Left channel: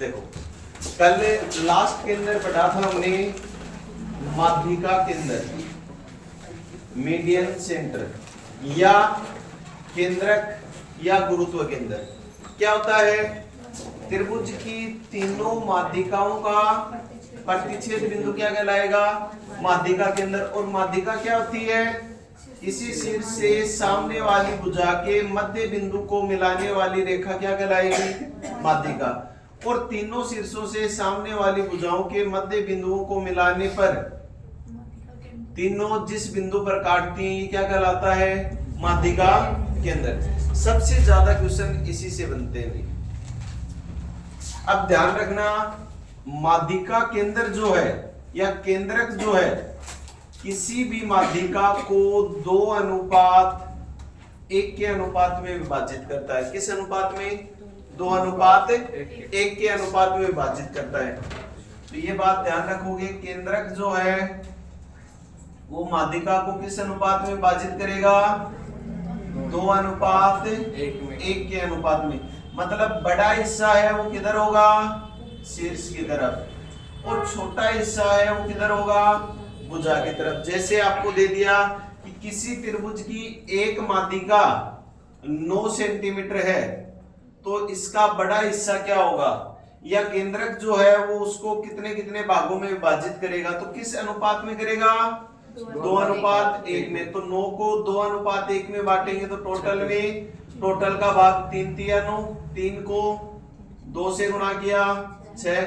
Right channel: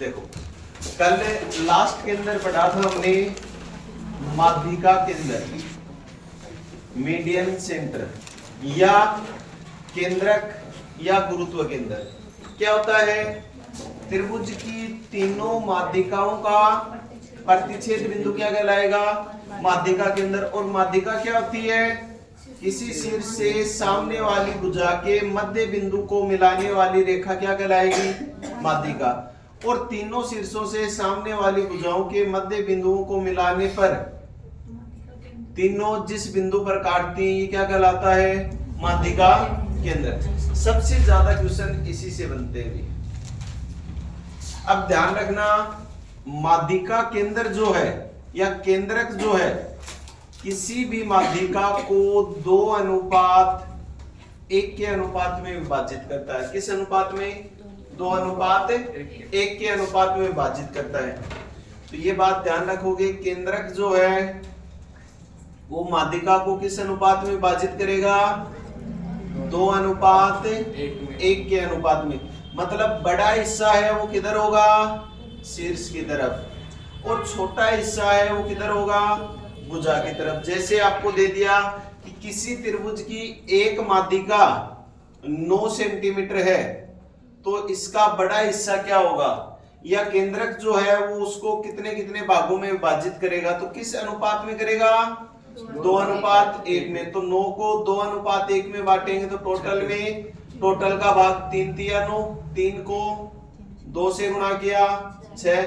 देखो कल लास्ट के अंदर पढ़ा था हमने माध्यिका केंद्र, मीडियन सेंटर या केंद्रक या गुरुत्व केंद्र। क्या होता है? त्रिभुज की तीनों माध्यिकाओं का प्रतिच्छेद बिंदु क्या कहलाएगा? माध्यिका केंद्र। और माध्यिका क्या होती है? किसी शीर्ष से सामने वाली भुजा के मध्य बिंदु को मिलाने वाली रेखा क्या कहलाएगी? माध्यिका। और तीनों शीर्षों से सामने वाली भुजाओं के मध्य बिंदुओं को मिलाने पर तीनों जिस बिंदु पर काटती हैं ये क्या कहलाता है? माध्यिका केंद्र। सबसे ज्यादा क्वेश्चन इसी से बनते हैं। अब ध्यान रखना, माध्यिका केंद्र जो है या केंद्रक जो है किसी भी माध्यिका को 2:1 के अनुपात में विभाजित करता है। किस अनुपात में? 2:1 के अनुपात में विभाजित करता है। तो ये बात ध्यान रखोगे, केंद्रक जो है वो माध्यिका को किस अनुपात में विभाजित करेगा? 2:1 के अनुपात में। मतलब बड़ा हिस्सा है वो किधर होगा? शीर्ष की तरफ। और छोटा हिस्सा है वो किधर होगा? भुजा की तरफ। जैसे आपको दे दिया कि किसी त्रिभुज की एक माध्यिका 9 सेंटीमीटर है, तो इसका बड़ा हिस्सा क्या होगा? या केंद्रक जो है वो उसको कितने कितने भागों में विभाजित करेगा? तो किस अनुपात में करेगा? 2:1 में। तो 9 को 2:1 में बांटेंगे तो टोटल का भाग 3 × 9, 3 को 2 से गुणा किया 6,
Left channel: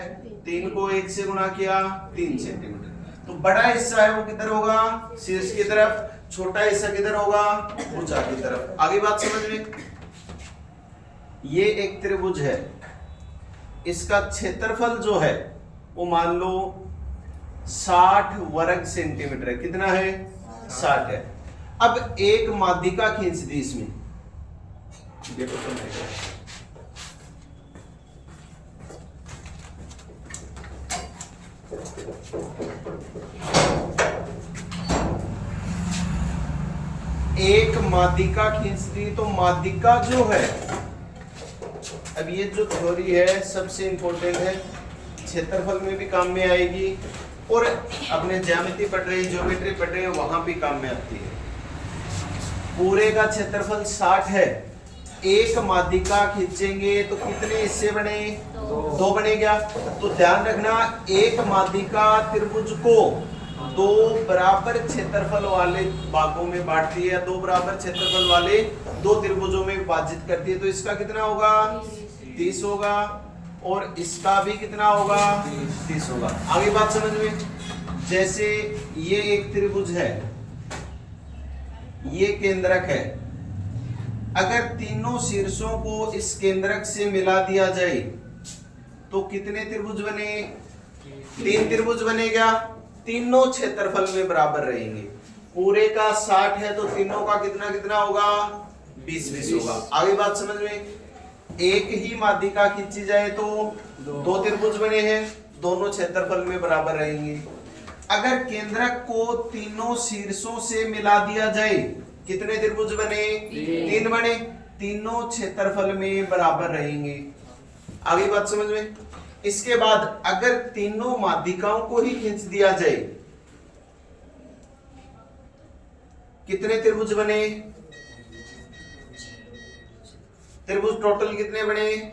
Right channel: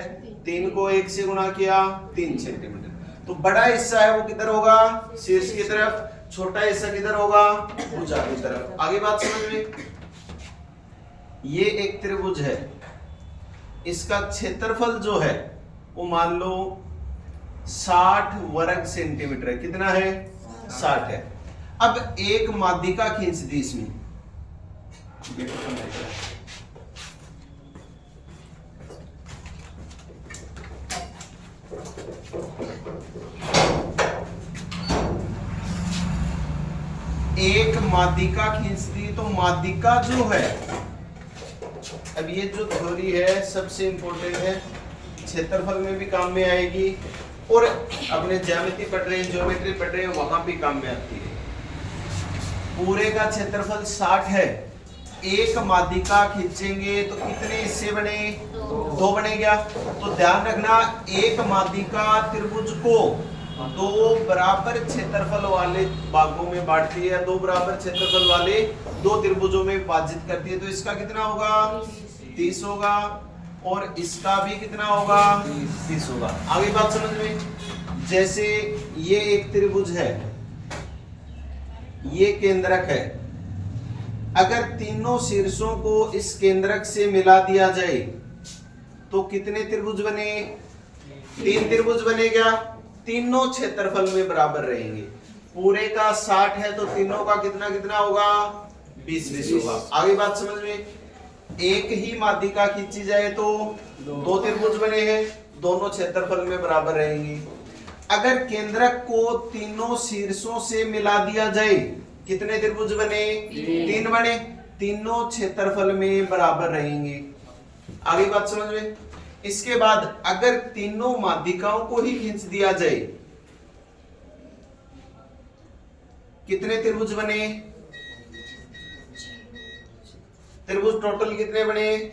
3 को 1 से गुणा किया 3 सेंटीमीटर। तो बड़ा हिस्सा है वो किधर होगा? शीर्ष की तरफ। छोटा हिस्सा किधर होगा? भुजा की तरफ। आगे बात समझ में? ये एक त्रिभुज है, इसका क्षेत्रफल जो है वो मान लो 60 वर्ग सेंटीमीटर है। कितना है? 60 है। अब एक माध्यिका खींच दी इसमें, एक माध्यिका खींच दी तो माध्यिका जो है, अब ये जो थ्योरी है सबसे इंपॉर्टेंट है, क्षेत्रफल में भी काम में आएगी और अपने ज्यामिति पढ़ रहे, ज्योमेट्री पढ़ रहे हैं वहां भी काम में आती है। पूरे का क्षेत्रफल 60 है, एक माध्यिका खींचेंगे तो कितने हिस्से बने? 2 बनेगा। तो ध्यान रखना, एक माध्यिका त्रिभुज को 2 बराबर क्षेत्रफल वाले भागों में बांटती है, 2 बराबर क्षेत्रफल वाले 2 त्रिभुजों में विभाजित करती है। तो इसका कितना होगा? 30 होगा। और इसका भी कितना होगा? 30 होगा। आगे बात समझ में? जैसे ये एक त्रिभुज है, ये केंद्रक है, अगर तीनों शीर्षों को इस केंद्रक से मिला दिया जाए तो कितने त्रिभुज बने? 3 त्रिभुज बनेगा। तीनों क्षेत्रफल में बराबर रहेंगे। पूरे का 60 है तो तीनों का कितना कितना होगा? 20-20 होगा। आगे बात समझ में? एक ही माध्यिका खींची जाए तो 2 त्रिभुज बने हैं, दोनों क्षेत्रफल में बराबर रहेंगे। अगर केंद्रक को तीनों शीर्षों से मिला दिया जाए कितने त्रिभुज बने? 3 बने, तीनों क्षेत्रफल में बराबर रहेंगे। आगे बात समझ में? इसके बाद अगर तीनों माध्यिकाओं को ही खींच दिया जाए कितने त्रिभुज बने? त्रिभुज टोटल कितने बने?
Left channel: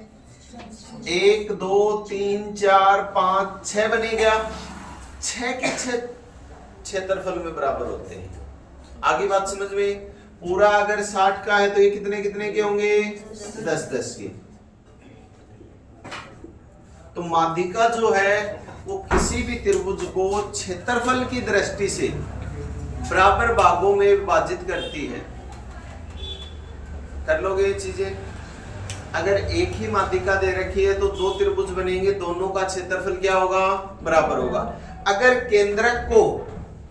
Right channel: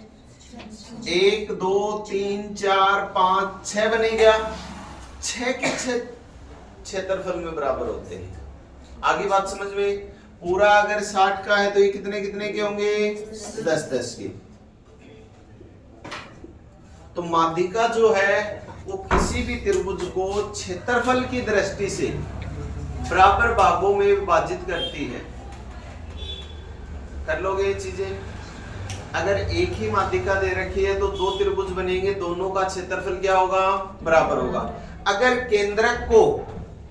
1 2 3 4 5 6 बनेगा। 6 के 6 क्षेत्रफल में बराबर होते हैं। आगे बात समझ में? पूरा अगर 60 का है तो ये कितने कितने के होंगे? 10-10 के। तो माध्यिका जो है वो किसी भी त्रिभुज को क्षेत्रफल की दृष्टि से बराबर भागों में विभाजित करती है। कर लोगे ये चीजें? अगर एक ही माध्यिका दे रखी है तो 2 त्रिभुज बनेंगे, दोनों का क्षेत्रफल क्या होगा? बराबर होगा। अगर केंद्रक को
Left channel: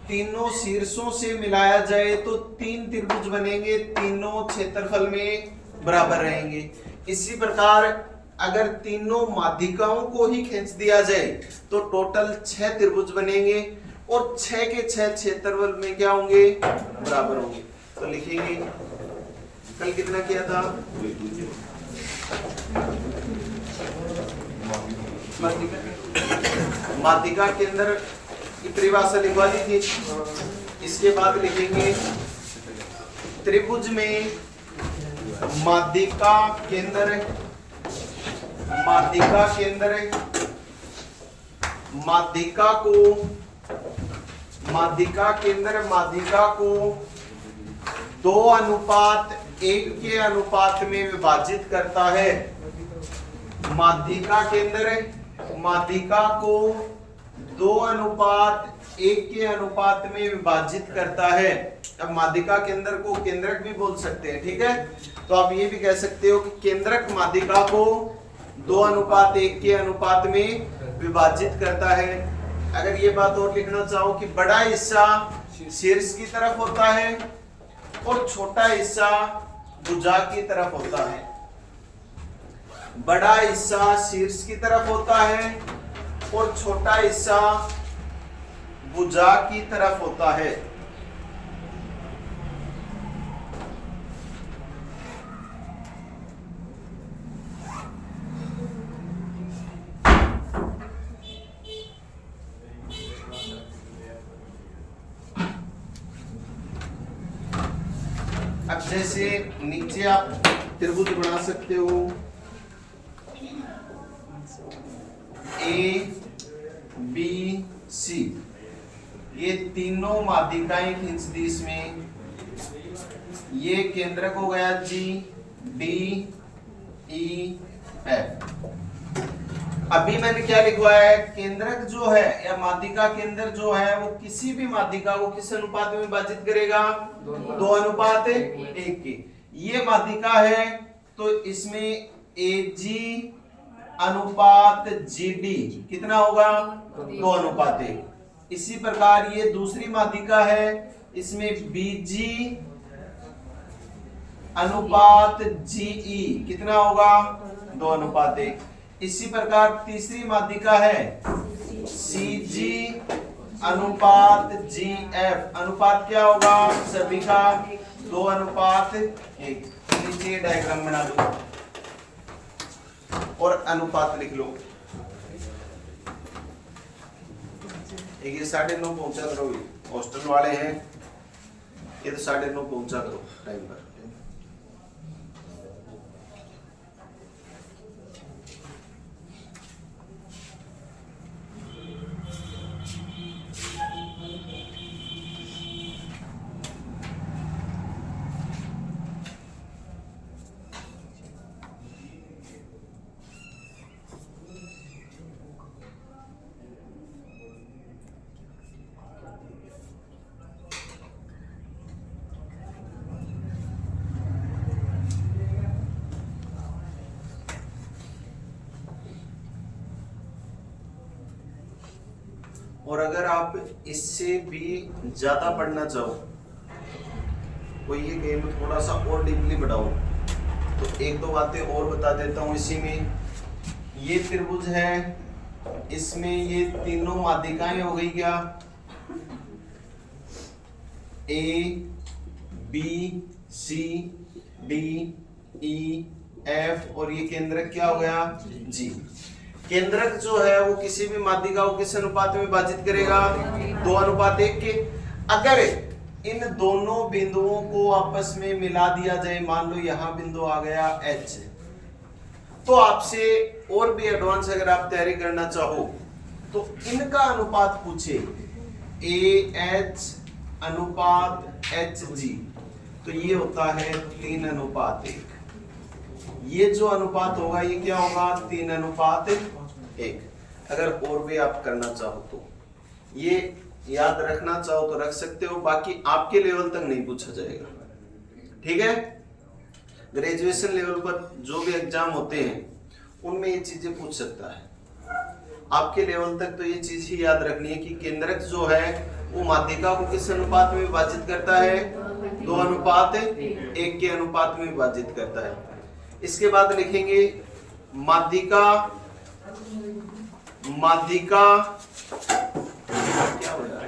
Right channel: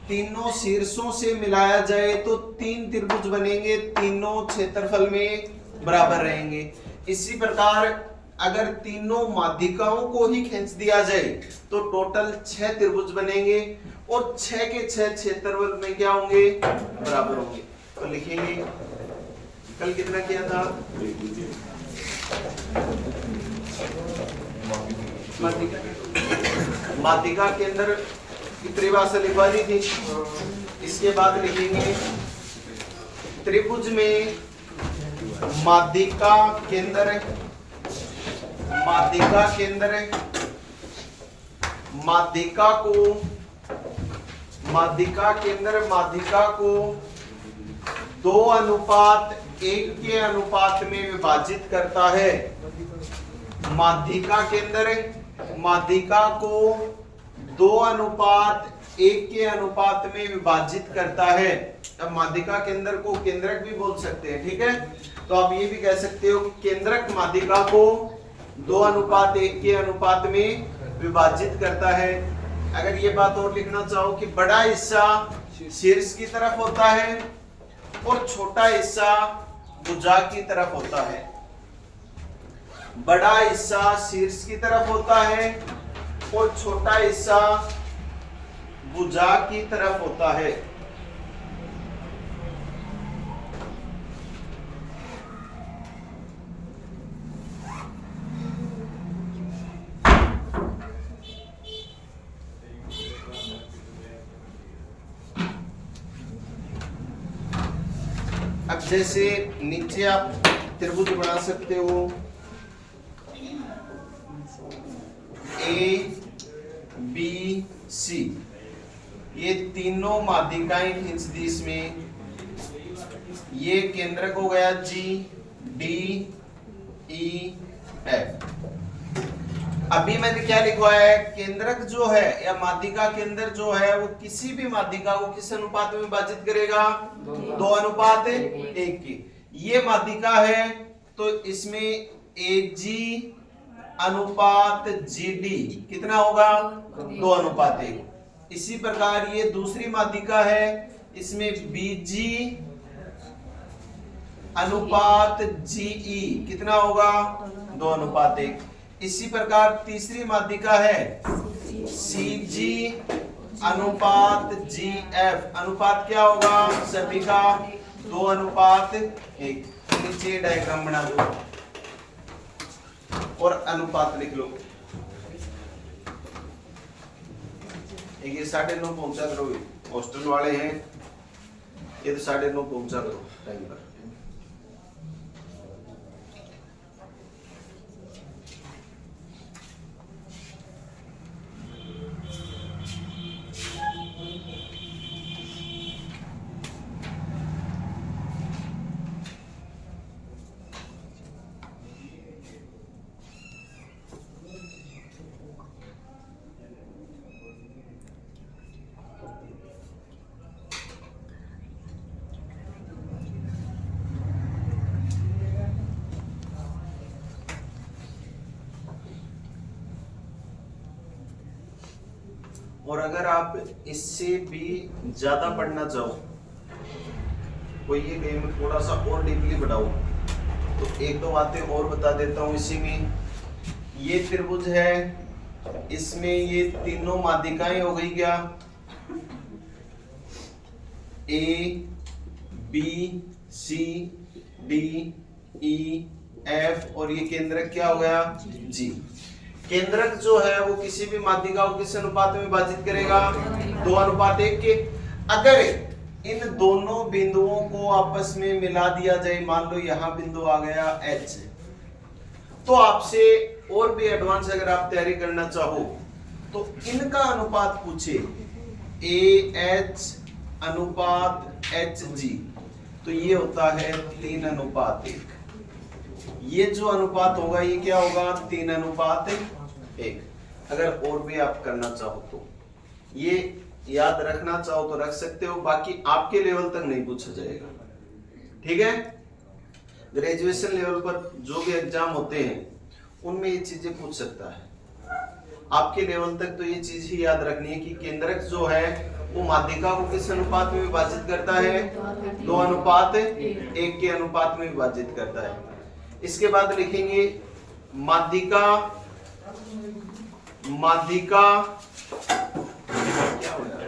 तीनों शीर्षों से मिलाया जाए तो 3 त्रिभुज बनेंगे, तीनों क्षेत्रफल में बराबर रहेंगे। इसी प्रकार अगर तीनों माध्यिकाओं को ही खींच दिया जाए तो टोटल 6 त्रिभुज बनेंगे और 6 के 6 क्षेत्रफल में क्या होंगे? बराबर होंगे। तो लिखेंगे कल कितना किया था? माध्यिका केंद्र की परिभाषा लिखवा दी थी। इसके बाद लिखेंगे त्रिभुज में माध्यिका केंद्र, माध्यिका केंद्र माध्यिका केंद्र माध्यिका को 2:1 के अनुपात में विभाजित करता है। माध्यिका केंद्र माध्यिका को 2:1 के अनुपात में विभाजित करता है। अब माध्यिका केंद्र को केंद्रक भी बोल सकते हैं, ठीक है। तो आप ये भी कह सकते हो कि केंद्रक माध्यिका को 2:1 के अनुपात में विभाजित करता है। अगर ये बात और लिखना चाहो कि बड़ा हिस्सा शीर्ष की तरफ होता है और छोटा हिस्सा भुजा की तरफ होता है। बड़ा हिस्सा शीर्ष की तरफ होता है और छोटा हिस्सा भुजा की तरफ होता है। अब जैसे नीचे आप त्रिभुज बना सकते हो, ए बी सी, ये तीनों माध्यिकाएं खींच दी इसमें। ये केंद्रक हो गया जी, डी ई एफ। अभी मैंने क्या लिखवाया है, केंद्रक जो है या माध्यिका केंद्र जो है वो किसी भी माध्यिका को किस अनुपात में विभाजित करेगा, 2:1 की। ये माध्यिका है तो इसमें एजी अनुपात जीडी कितना होगा, 2:1। इसी प्रकार ये दूसरी माध्यिका है, इसमें बीजी अनुपात जीई कितना होगा, 2:1। इसी प्रकार तीसरी माध्यिका है सीजी अनुपात जीएफ, अनुपात क्या होगा सभी का 2:1। नीचे डायग्राम बना दो और अनुपात लिख लो। ये 9:30 पहुंचा करो, हॉस्टल वाले हैं ये तो 9:30 पहुंचा करो टाइम पर। और अगर आप इससे भी ज्यादा पढ़ना चाहो, कोई ये गेम थोड़ा सा और डीपली बढ़ाओ, तो एक दो बातें और बता देता हूं। इसी में ये त्रिभुज है, इसमें ये तीनों माध्यिकाएं हो गई क्या, A B C D E F, और ये केंद्रक क्या हो गया जी। केंद्रक जो है वो किसी भी माध्यिका को किस अनुपात में विभाजित करेगा, 2:1 के। अगर इन दोनों बिंदुओं को आपस में मिला दिया जाए, मान लो यहां बिंदु आ गया H, तो आपसे और भी एडवांस अगर आप तैयारी करना चाहो तो इनका अनुपात पूछे, AH अनुपात HG, तो ये होता है 3:1। ये जो अनुपात होगा ये क्या होगा, 3:1। अगर और भी आप करना चाहो तो ये याद रखना चाहो तो रख सकते हो, बाकी आपके लेवल तक नहीं पूछा जाएगा, ठीक है। ग्रेजुएशन लेवल पर जो भी एग्जाम होते हैं उनमें ये चीजें पूछ सकता है। आपके लेवल तक तो ये चीज ही याद रखनी है कि केंद्रक जो है वो माध्यिका को किस अनुपात में विभाजित करता है, 2:1 के अनुपात में विभाजित करता है। इसके बाद लिखेंगे माध्यिका क्या हो रहा है,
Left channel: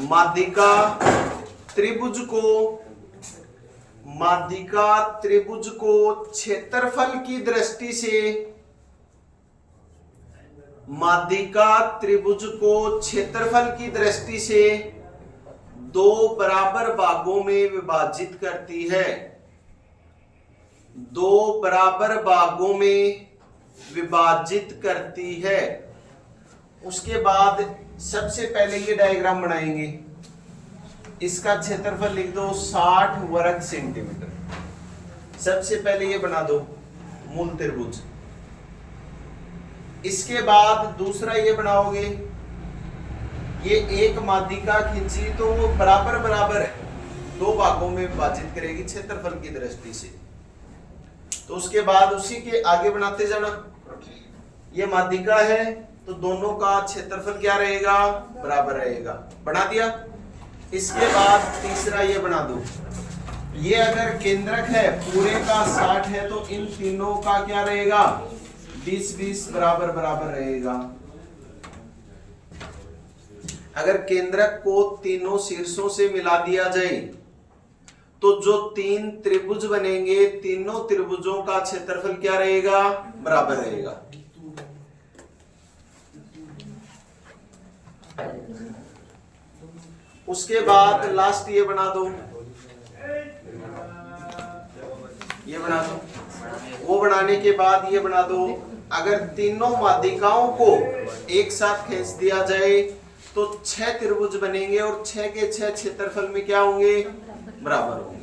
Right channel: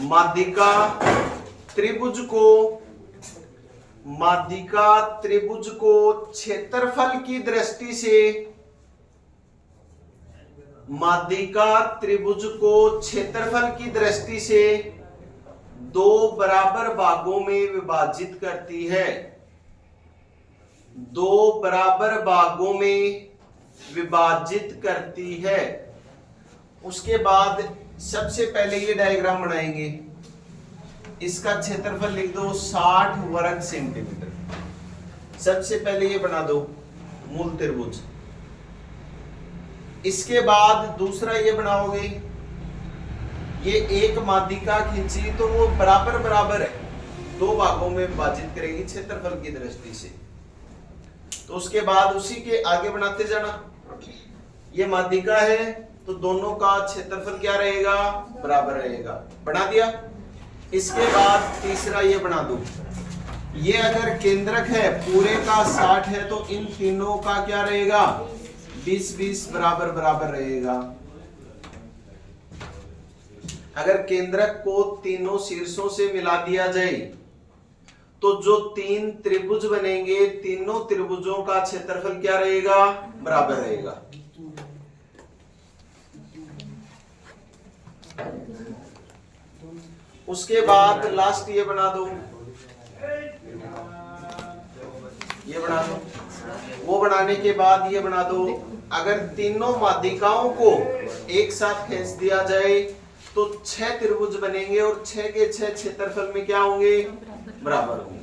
माध्यिका त्रिभुज को क्षेत्रफल की दृष्टि से माध्यिका त्रिभुज को क्षेत्रफल की दृष्टि से दो बराबर भागों में विभाजित करती है, दो बराबर भागों में विभाजित करती है। उसके बाद सबसे पहले ये डायग्राम बनाएंगे, इसका क्षेत्रफल लिख दो 60 वर्ग सेंटीमीटर। सबसे पहले ये बना दो मूल त्रिभुज। इसके बाद दूसरा ये बनाओगे, ये एक माध्यिका खींची तो वो बराबर बराबर है, दो भागों में विभाजित करेगी क्षेत्रफल की दृष्टि से। तो उसके बाद उसी के आगे बनाते जाना। ये माध्यिका है तो दोनों का क्षेत्रफल क्या रहेगा, बराबर रहेगा। बना दिया। इसके बाद तीसरा ये बना दो, ये अगर केंद्रक है पूरे का 60 है तो इन तीनों का क्या रहेगा, 20-20 बराबर बराबर रहेगा। अगर केंद्रक को तीनों शीर्षों से मिला दिया जाए तो जो तीन त्रिभुज बनेंगे, तीनों त्रिभुजों का क्षेत्रफल क्या रहेगा, बराबर रहेगा। उसके बाद लास्ट ये बना दो, ये बना दो। वो बनाने के बाद ये बना दो, अगर तीनों माध्यिकाओं को एक साथ खींच दिया जाए तो 6 त्रिभुज बनेंगे और 6 के 6 क्षेत्रफल में क्या होंगे, बराबर होंगे।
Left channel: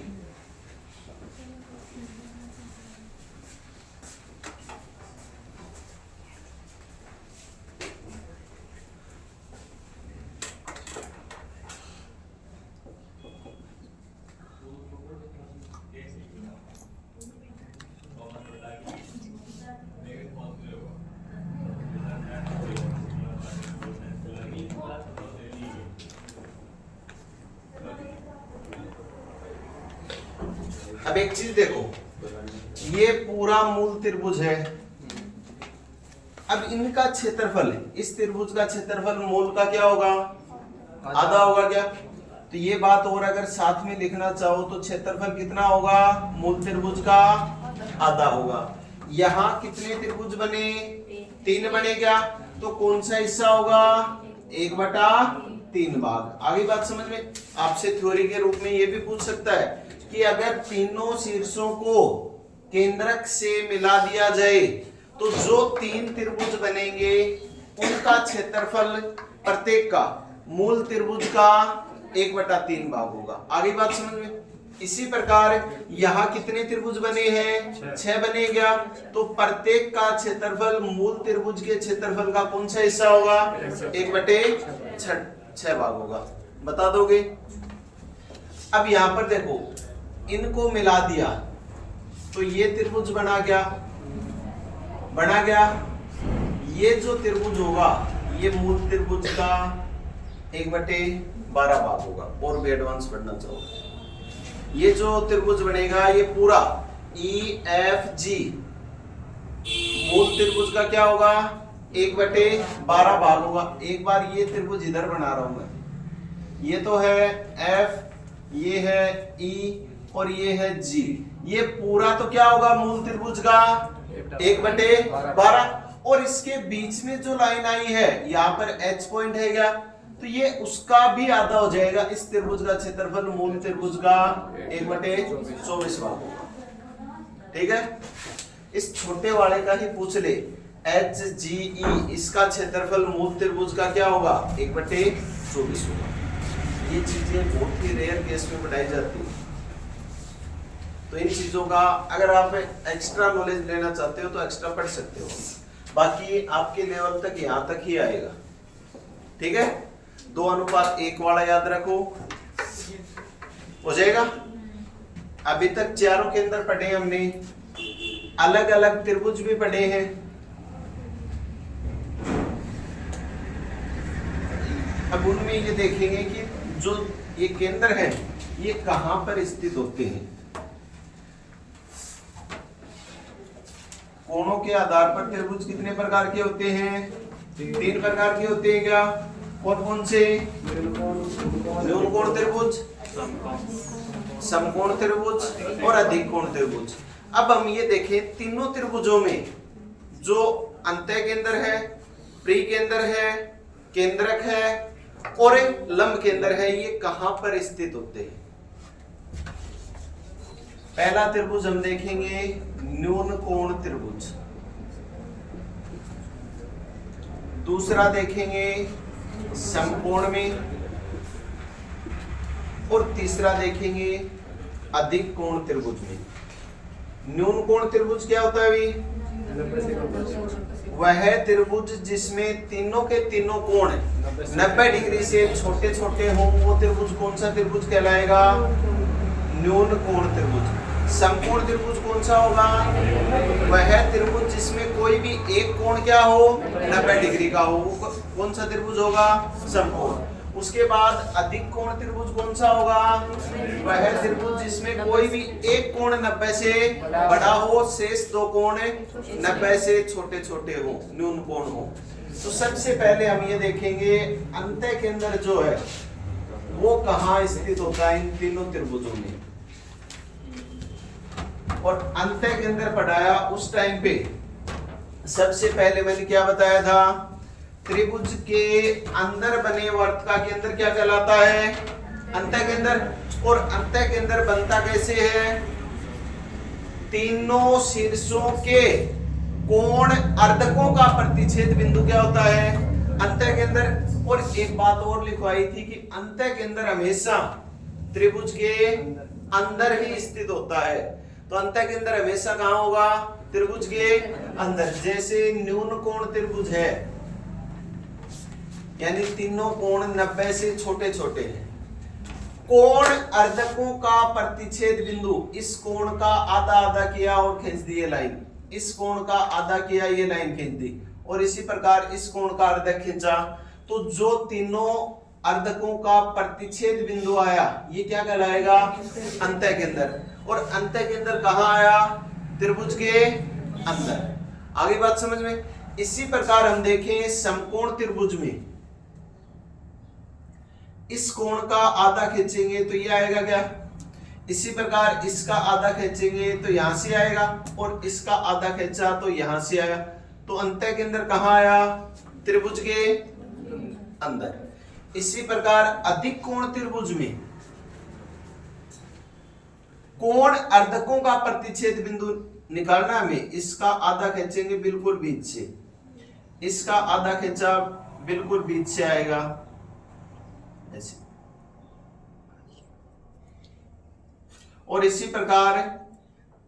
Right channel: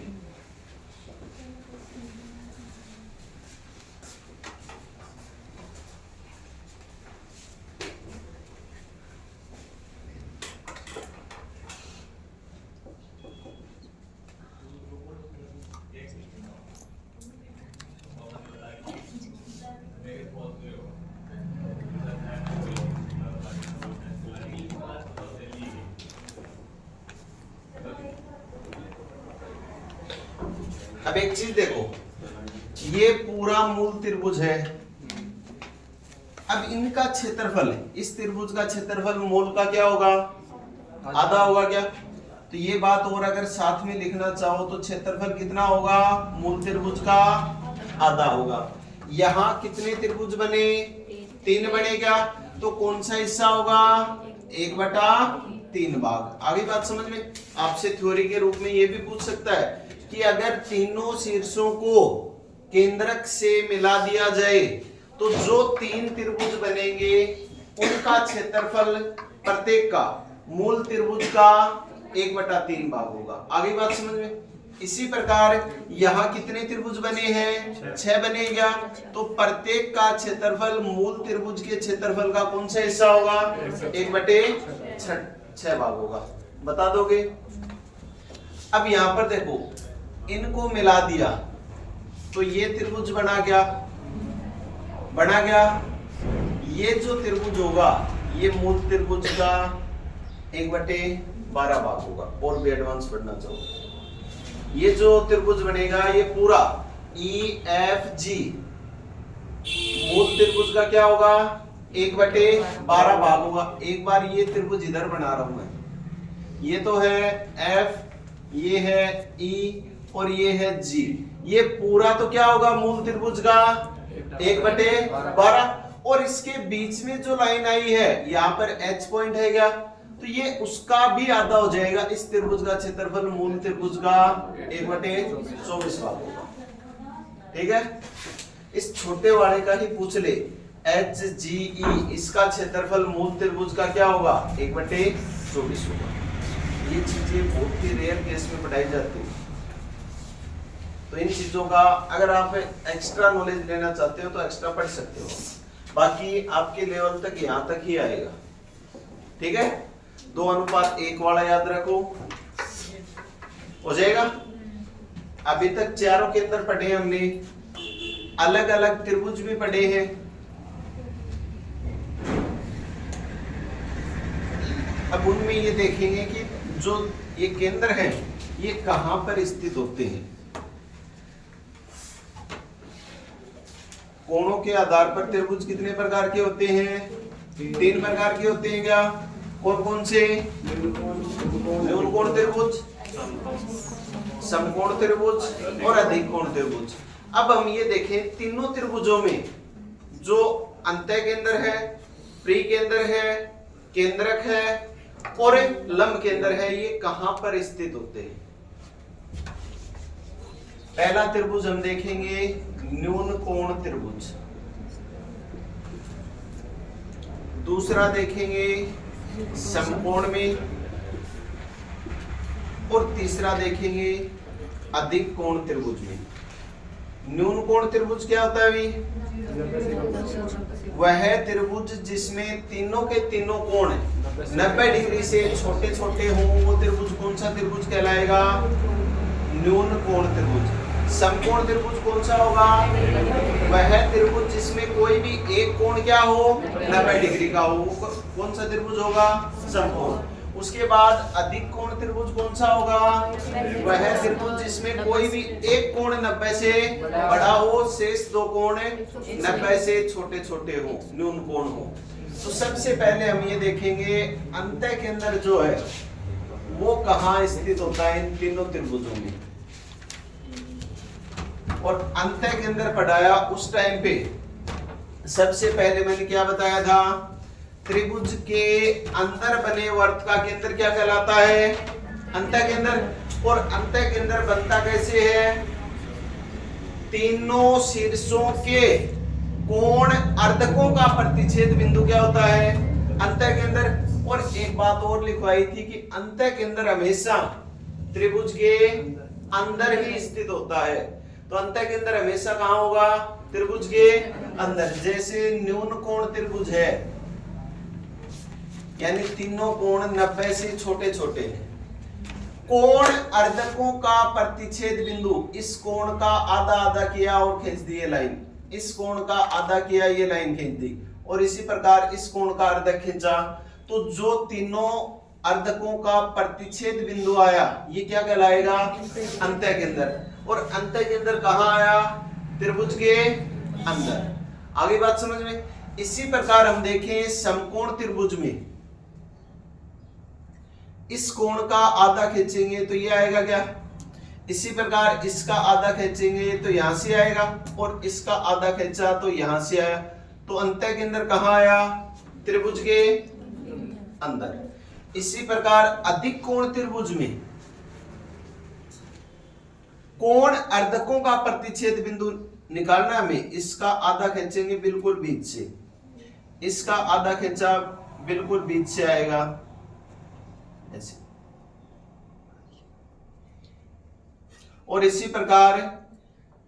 अब एक चीज देखो, ये पूरा मूल त्रिभुज है। अब इनका क्षेत्रफल, इस त्रिभुज का क्षेत्रफल मूल का क्या होगा, आधा होगा क्या। तो ये बात और अगर साथ में लिखना चाहो तो क्षेत्रफल कितना होगा, मूल त्रिभुज का आधा होगा। यहाँ कितने त्रिभुज बने, 3 बने क्या, तो कौन सा हिस्सा होगा, 1/3 भाग। आगे बात समझ में। आपसे थ्योरी के रूप में ये भी पूछ सकता है कि अगर तीनों शीर्षों को केंद्रक से मिला दिया जाए तो जो 3 त्रिभुज बनेंगे उनका क्षेत्रफल प्रत्येक का मूल त्रिभुज का 1/3 भाग होगा। आगे बात समझ में। इसी प्रकार यहाँ कितने त्रिभुज बने हैं, 6 बने क्या, तो प्रत्येक का क्षेत्रफल मूल त्रिभुज के क्षेत्रफल का कौन सा हिस्सा होगा, 1/6 भाग होगा। बता दोगे। अब यहाँ पर देखो, इनको मिला दिया तो ये त्रिभुज बना गया, बना गया। ये जो त्रिभुज होगा ये मूल त्रिभुज का 1/12 भाग होगा। और भी एडवांस पढ़ना चाहूंगा। ये जो त्रिभुज बनेगा ये पूरा EFG मूल त्रिभुज का क्या होगा, 1/12 भाग होगा। एक बार ये त्रिभुज इधर बना रहा हूं मैं, ये तो है F, ये है E और ये है G। ये पूरा तो क्या होगा, मूल त्रिभुज का 1/12। और इसके बीच में जो लाइन आई है यहाँ पर H पॉइंट है क्या, तो ये उसका भी आधा हो जाएगा। इस त्रिभुज का क्षेत्रफल मूल त्रिभुज का 1/24 भाग होगा। ठीक है। इस छोटे वाले का ही पूछ ले, HGE, इसका क्षेत्रफल मूल त्रिभुज का क्या होगा, 1/24 होगा। ये चीजें बहुत ही रेयर केस में पढ़ाई जाती है। तो इन चीजों का अगर आप एक्स्ट्रा नॉलेज लेना चाहते हो तो एक्स्ट्रा पढ़ सकते हो, बाकी आपके लेवल तक यहाँ तक ही आएगा। ठीक है। 2:1 वाला याद रखो, हो जाएगा। अभी तक चारों के अंदर पढ़े हमने, अलग अलग त्रिभुज भी पढ़े हैं। अब उनमें ये देखेंगे कि जो ये केंद्र है ये कहां पर स्थित होते हैं। कोणों के आधार पर त्रिभुज कितने प्रकार के होते हैं, 3 प्रकार के होते हैं क्या, कौन कौन से, न्यूनकोण त्रिभुज, समकोण त्रिभुज और अधिक कोण त्रिभुज। अब हम ये देखें तीनों त्रिभुजों में जो अंतः केंद्र है, प्री केंद्र है, केंद्रक है और लंब केंद्र है। ये कहां पर स्थित होते हैं? पहला त्रिभुज हम देखेंगे न्यून कोण त्रिभुज, दूसरा देखेंगे समकोण में और तीसरा देखेंगे अधिक कोण त्रिभुज में। न्यून कोण त्रिभुज क्या होता है भाई? वह त्रिभुज जिसमें तीनों के तीनों कोण 90 डिग्री से छोटे छोटे हों, वो त्रिभुज कौन सा त्रिभुज कहलाएगा? न्यून कोण त्रिभुज। समकोण त्रिभुज कौन सा होगा? वह त्रिभुज जिसमें कोई भी एक कोण क्या हो? 90 डिग्री का हो, कौन सा त्रिभुज होगा? समकोण। उसके बाद अधिक कोण त्रिभुज कौन सा होगा? वह त्रिभुज जिसमें कोई भी एक कोण 90 से बड़ा हो, शेष दो कोण 90 से छोटे छोटे हो, न्यून कोण हो। तो सबसे पहले हम ये देखेंगे अंतः केंद्र जो है वो कहाँ स्थित होता है इन तीनों त्रिभुजों में। और अंतः केंद्र पढ़ाया उस टाइम पे सबसे पहले मैंने क्या बताया था? त्रिभुज के अंदर बने वर्त का केंद्र क्या कहलाता है? अंतः केंद्र। और अंतः केंद्र बनता कैसे है? तीनों शीर्षों के कोण अर्धकों का प्रतिच्छेद बिंदु क्या होता है? अंतः केंद्र। और एक बात और लिखवाई थी कि अंतः केंद्र हमेशा त्रिभुज के अंदर ही स्थित होता है। तो अंतः केंद्र हमेशा कहां होगा? त्रिभुज के अंदर। जैसे न्यून कोण त्रिभुज है, यानी तीनों कोण 90 से छोटे छोटे हैं। कोण अर्धकों का प्रतिच्छेद बिंदु, इस कोण का आधा आधा किया और खींच दी ये लाइन, इस कोण का आधा किया ये लाइन खींच दी, और इसी प्रकार इस कोण का अर्धक खींचा, तो जो तीनों अर्धकों का प्रतिच्छेद बिंदु आया ये क्या कहलाएगा? अंतः केंद्र। और अंतः केंद्र कहां आया? त्रिभुज के अंदर। आगे बात समझ में? इसी प्रकार हम देखें समकोण त्रिभुज में, इस कोण का आधा खींचेंगे तो ये आएगा क्या? इसी प्रकार इसका आधा खींचेंगे तो यहां से आएगा, और इसका आधा खींचा तो यहां से आया। तो अंतः केंद्र कहां आया? त्रिभुज के अंदर। इसी प्रकार अधिक कोण त्रिभुज में कोण अर्धकों का प्रतिच्छेद बिंदु निकालना हमें, इसका आधा खींचेंगे बिल्कुल बीच से, इसका आधा खींचा बिल्कुल बीच से आएगा ऐसे, और इसी प्रकार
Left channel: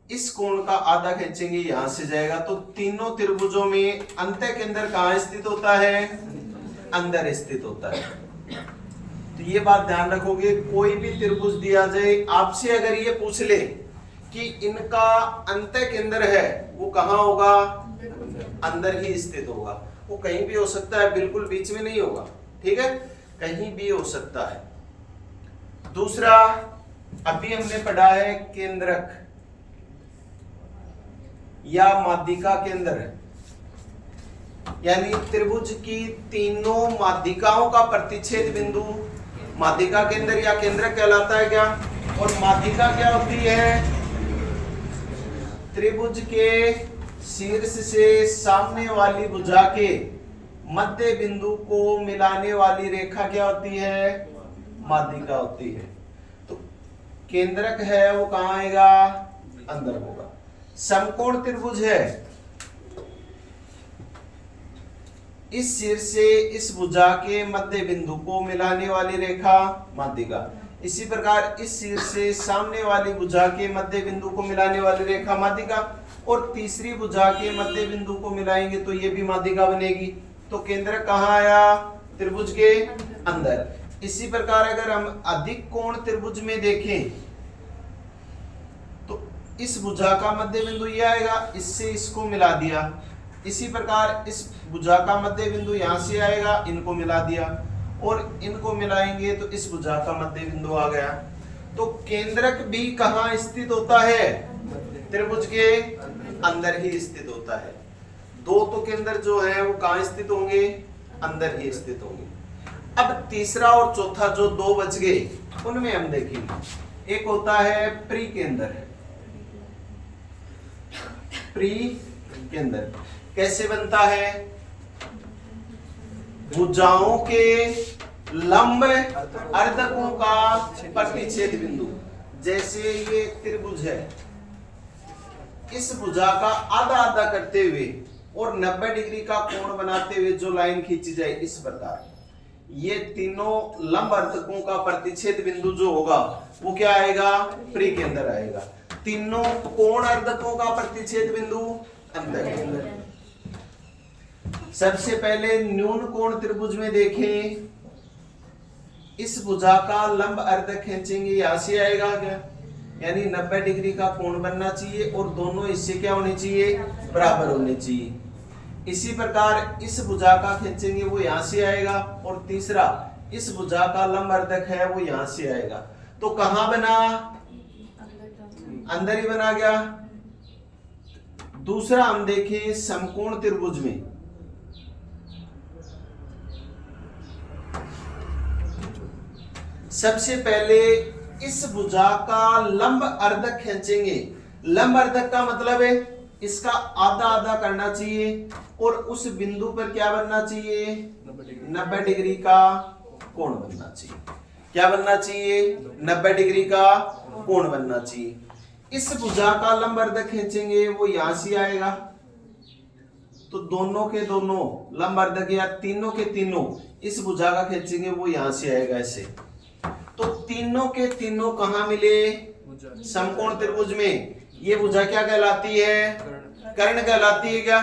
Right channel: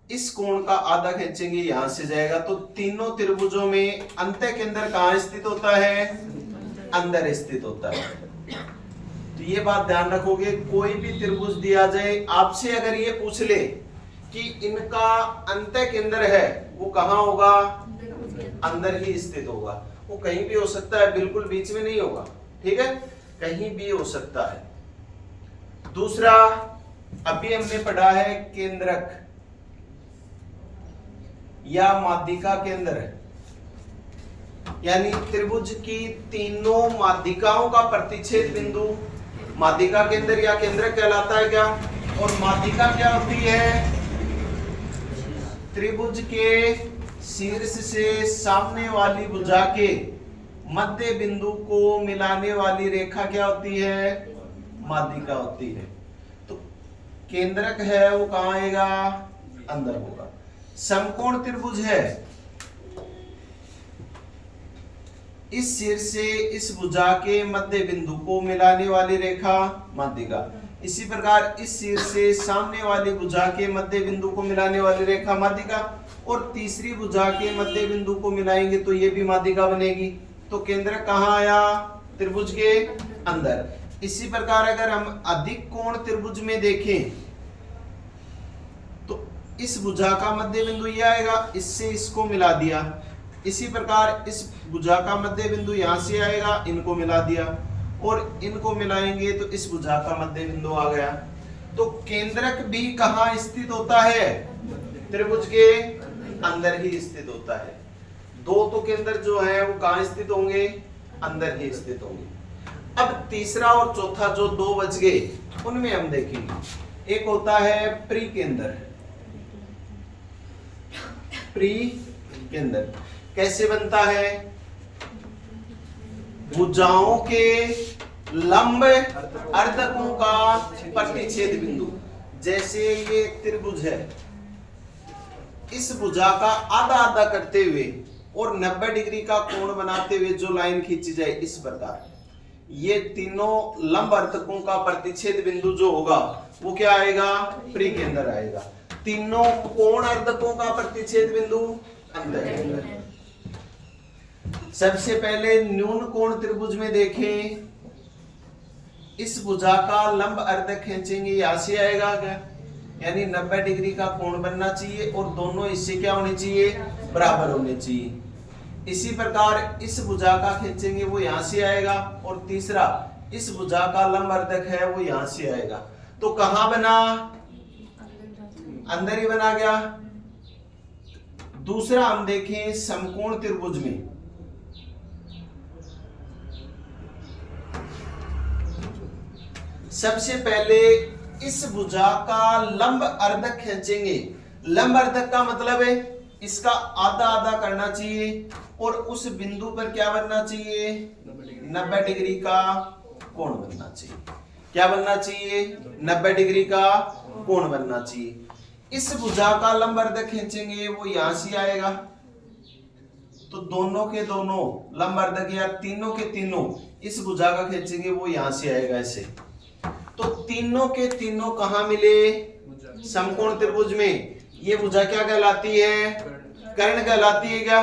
इस कोण का आधा खींचेंगे यहां से जाएगा। तो तीनों त्रिभुजों में अंतः केंद्र कहां स्थित होता है? अंदर स्थित होता है। तो ये बात ध्यान रखोगे, कोई भी त्रिभुज दिया जाए आपसे, अगर ये पूछ ले कि इनका अंतः केंद्र है वो कहां होगा? अंदर ही स्थित होगा। वो कहीं भी हो सकता है, बिल्कुल बीच में नहीं होगा, ठीक है? कहीं भी हो सकता है। दूसरा अभी हमने पढ़ा है केंद्रक या माध्यिका केंद्र, यानी त्रिभुज की तीनों माध्यिकाओं का प्रतिच्छेद बिंदु माध्यिका केंद्र या केंद्रक कहलाता है क्या? और माध्यिका क्या होती है? त्रिभुज के शीर्ष से सामने वाली भुजा के मध्य बिंदु को मिलाने वाली रेखा क्या होती है? माध्यिका होती है। तो केंद्रक है वो कहां आएगा? अंदर होगा। समकोण त्रिभुज है, इस शीर्ष से इस भुजा के मध्य बिंदु को मिलाने वाली रेखा माध्यिका। इसी प्रकार इस शीर्ष से सामने वाली भुजा के मध्य बिंदु को मिलाने वाली रेखा माध्यिका, और तीसरी भुजा के मध्य बिंदु को मिलाएंगे तो ये भी माध्यिका बनेगी। तो केंद्र कहां आया? त्रिभुज के अंदर। इसी प्रकार अगर हम अधिक कोण त्रिभुज में देखें तो इस भुजा का मध्य बिंदु ये आएगा, इससे इसको मिला दिया। इसी प्रकार इस भुजा का मध्य बिंदु यहां से आएगा, इनको मिला दिया, और इनको मिलाएंगे तो इस भुजा का मध्य बिंदु आ गया। तो केंद्रक भी कहां स्थित होता है? त्रिभुज के अंदर ही स्थित होता है। दो तो केंद्र जो है वो कहां स्थित होंगे? अंदर ही स्थित होंगे। अब तीसरा और चौथा जो दो बच गए उनमें हम देखेंगे। एक होता है प्री केंद्र। प्री केंद्र कैसे बनता है? भुजाओं के लंब अर्धकों का प्रतिच्छेद बिंदु। जैसे ये एक त्रिभुज है, इस भुजा का आधा आधा करते हुए और 90 डिग्री का कोण बनाते हुए जो लाइन खींची जाए, इस प्रकार ये तीनों लंब अर्धकों का प्रतिच्छेद बिंदु जो होगा वो क्या आएगा, प्री के अंदर आएगा। तीनों कोण अर्धकों का प्रतिच्छेद बिंदु अंदर। सबसे पहले न्यून कोण त्रिभुज में देखें, इस भुजा का लंब अर्धक खींचेंगे, यहां से आएगा क्या, यानी 90 डिग्री का कोण बनना चाहिए और दोनों हिस्से क्या होने चाहिए, बराबर होने चाहिए। इसी प्रकार इस भुजा का खींचेंगे, वो यहां से आएगा, और तीसरा इस भुजा का लंब अर्धक है वो यहां से आएगा। तो कहां बना, अंदर ही बना गया। दूसरा हम देखें समकोण त्रिभुज में, सबसे पहले इस भुजा का लंब अर्धक खींचेंगे। लंब अर्धक का मतलब है इसका आधा आधा करना चाहिए और उस बिंदु पर क्या बनना चाहिए, 90 डिग्री का कोण बनना चाहिए। क्या बनना चाहिए, 90 डिग्री का कोण बनना चाहिए। इस भुजा का लंब अर्धक खींचेंगे, वो यहां से आएगा, तो दोनों के दोनों लंब अर्धक या तीनों के तीनों इस भुजा का खींचेंगे, वो यहां से आएगा ऐसे। तो तीनों के तीनों कहां मिले, समकोण त्रिभुज में। ये भुजा क्या कहलाती है, कर्ण कहलाती है क्या।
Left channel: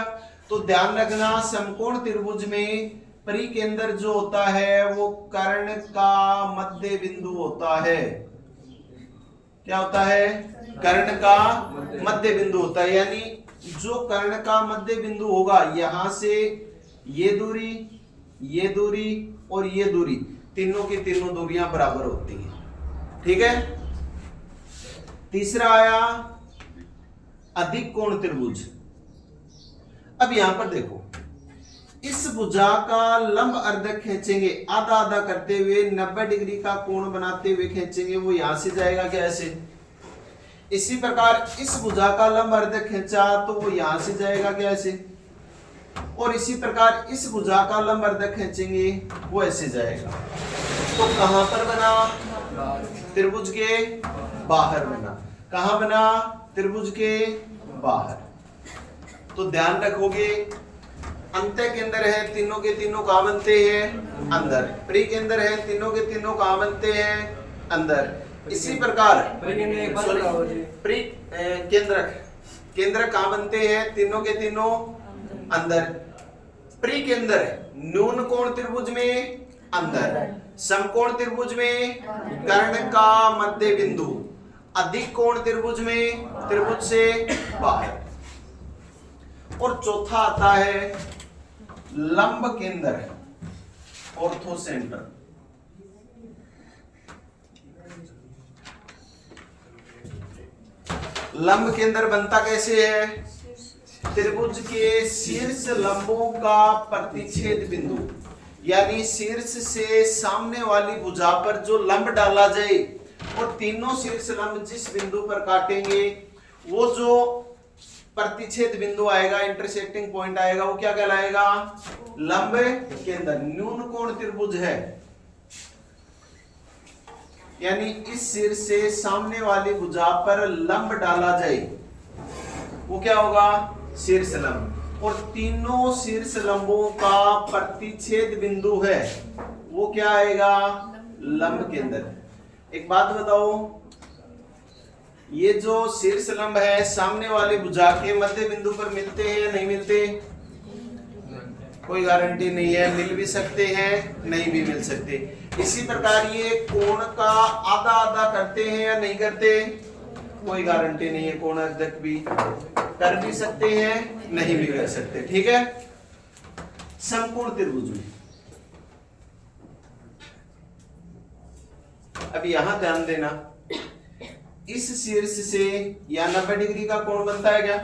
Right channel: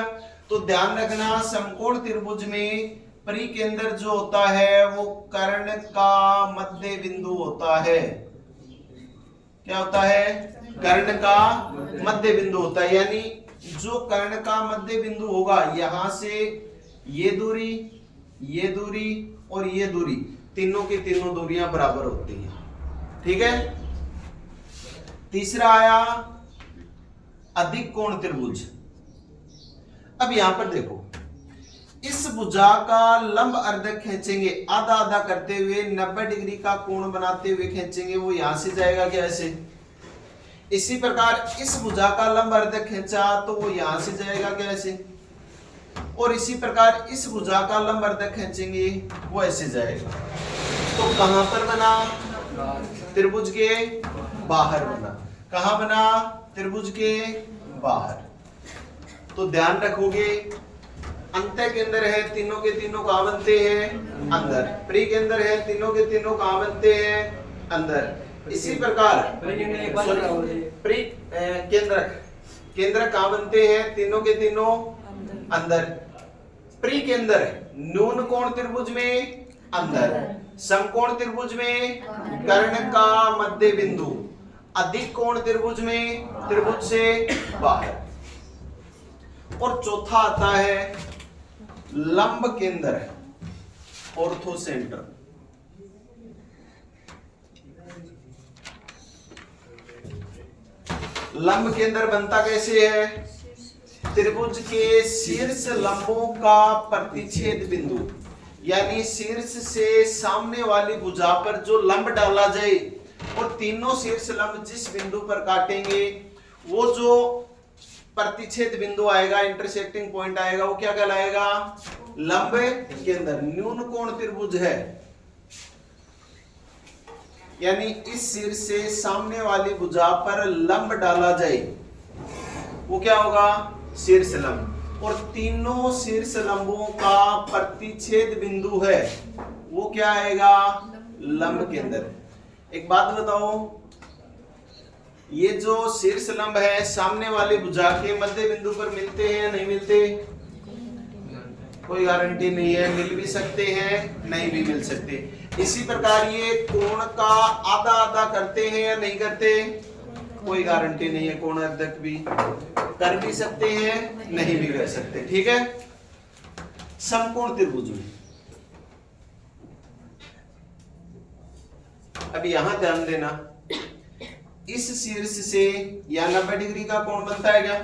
तो ध्यान रखना, समकोण त्रिभुज में परिकेंद्र जो होता है वो कर्ण का मध्य बिंदु होता है। क्या होता है, कर्ण का मध्य बिंदु होता है, यानी जो कर्ण का मध्य बिंदु होगा, यहां से ये दूरी, ये दूरी और ये दूरी, तीनों की तीनों दूरियां बराबर होती हैं। ठीक है। तीसरा आया अधिक कोण त्रिभुज। अब यहां पर देखो, इस भुजा का लंब अर्धक खींचेंगे, आधा आधा करते हुए 90 डिग्री का कोण बनाते हुए खींचेंगे, वो यहां से जाएगा क्या, ऐसे। इसी प्रकार इस भुजा का लंब अर्धक खींचा तो वो यहां से जाएगा क्या, ऐसे। और इसी प्रकार इस भुजा का लंब अर्धक खींचेंगे, वो ऐसे जाएगा। तो कहां पर बना, त्रिभुज के बाहर बना। कहां बना, त्रिभुज के बाहर। तो ध्यान रखोगे, अंत्य केंद्र है, तीनों के तीनों कहां बनते हैं, अंदर। प्री केंद्र है, तीनों के तीनों कहां बनते हैं, अंदर। इसी प्रकार प्री केंद्र कहां बनते हैं, तीनों के तीनों अंदर। प्री केंद्र न्यून कोण त्रिभुज में अंदर, समकोण त्रिभुज में कर्ण का मध्य बिंदु, अधिक कोण त्रिभुज में त्रिभुज से बाहर। और चौथा आता है लंब केंद्र, ऑर्थो सेंटर। लंब केंद्र बनता कैसे है, त्रिभुज के शीर्ष लंबों का प्रतिच्छेद बिंदु, यानी शीर्ष से सामने वाली भुजा पर जो लंब डाला जाए और तीनों शीर्ष लंब जिस बिंदु पर काटेंगे, वो जो प्रतिच्छेद बिंदु आएगा, इंटरसेक्टिंग पॉइंट आएगा, वो क्या कहलाएगा, लंब केंद्र। न्यून कोण त्रिभुज है, यानी इस शीर्ष से सामने वाली भुजा पर लंब डाला जाए, वो क्या होगा, शीर्ष लंब। और तीनों शीर्ष लंबों का प्रतिच्छेद बिंदु है, वो क्या आएगा, लंब केंद्र। एक बात बताओ, ये जो शीर्ष लंब है सामने वाली भुजा के मध्य बिंदु पर मिलते हैं या नहीं मिलते, कोई गारंटी नहीं है, मिल भी सकते हैं, नहीं भी मिल सकते। इसी प्रकार ये कोण का आधा आधा करते हैं या नहीं करते, कोई गारंटी नहीं है, कोण अर्धक भी कर भी सकते हैं, नहीं भी कर सकते। ठीक है। समकोण त्रिभुज में अब यहां ध्यान देना, इस शीर्ष से या 90 डिग्री का कोण बनता है क्या,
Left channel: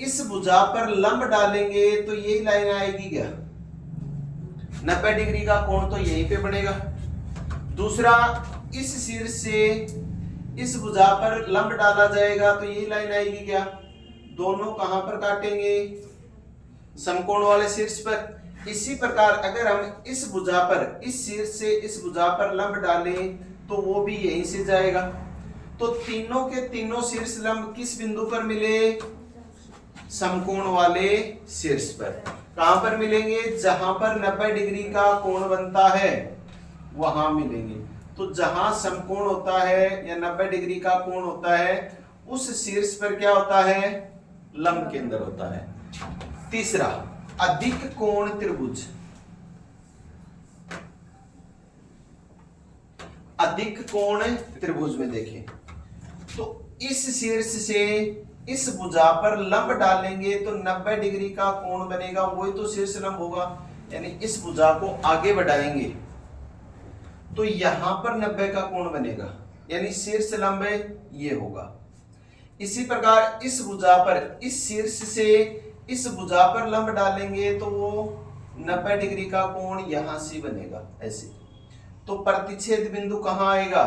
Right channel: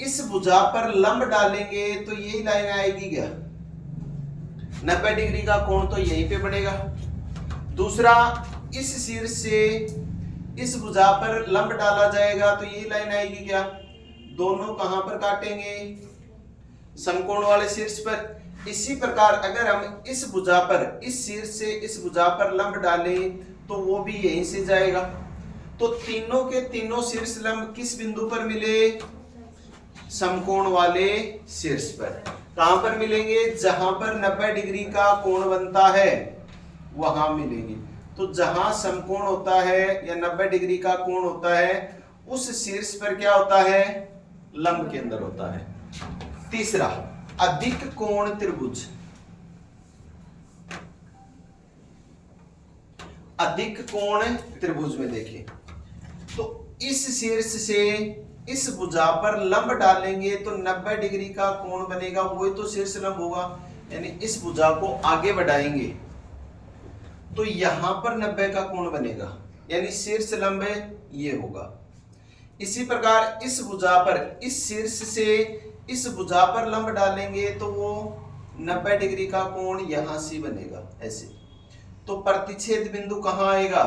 इस भुजा पर लंब डालेंगे तो यही लाइन आएगी क्या, 90 डिग्री का कोण तो यहीं पे बनेगा। दूसरा, इस शीर्ष से इस भुजा पर लंब डाला जाएगा तो यही लाइन आएगी क्या, दोनों कहां पर काटेंगे, समकोण वाले शीर्ष पर। इसी प्रकार अगर हम इस भुजा पर, इस शीर्ष से इस भुजा पर लंब डालें तो वो भी यहीं से जाएगा। तो तीनों के तीनों शीर्ष लंब किस बिंदु पर मिले? समकोण वाले शीर्ष पर। कहां पर मिलेंगे? जहां पर 90 डिग्री का कोण बनता है वहां मिलेंगे। तो जहां समकोण होता है या 90 डिग्री का कोण होता है उस शीर्ष पर क्या होता है? लंब केंद्र होता है। तीसरा, अधिक कोण त्रिभुज। अधिक कोण त्रिभुज में देखें तो इस शीर्ष से इस भुजा पर लंब डालेंगे तो 90 डिग्री का कोण बनेगा, वही तो शीर्ष लंब होगा। यानी इस भुजा को आगे बढ़ाएंगे तो यहां पर 90 का कोण बनेगा, यानी शीर्ष लंब ये होगा। इसी प्रकार इस भुजा पर, इस शीर्ष से इस भुजा पर लंब डालेंगे तो वो 90 डिग्री का कोण यहां से बनेगा ऐसे। तो प्रतिच्छेद बिंदु कहां आएगा?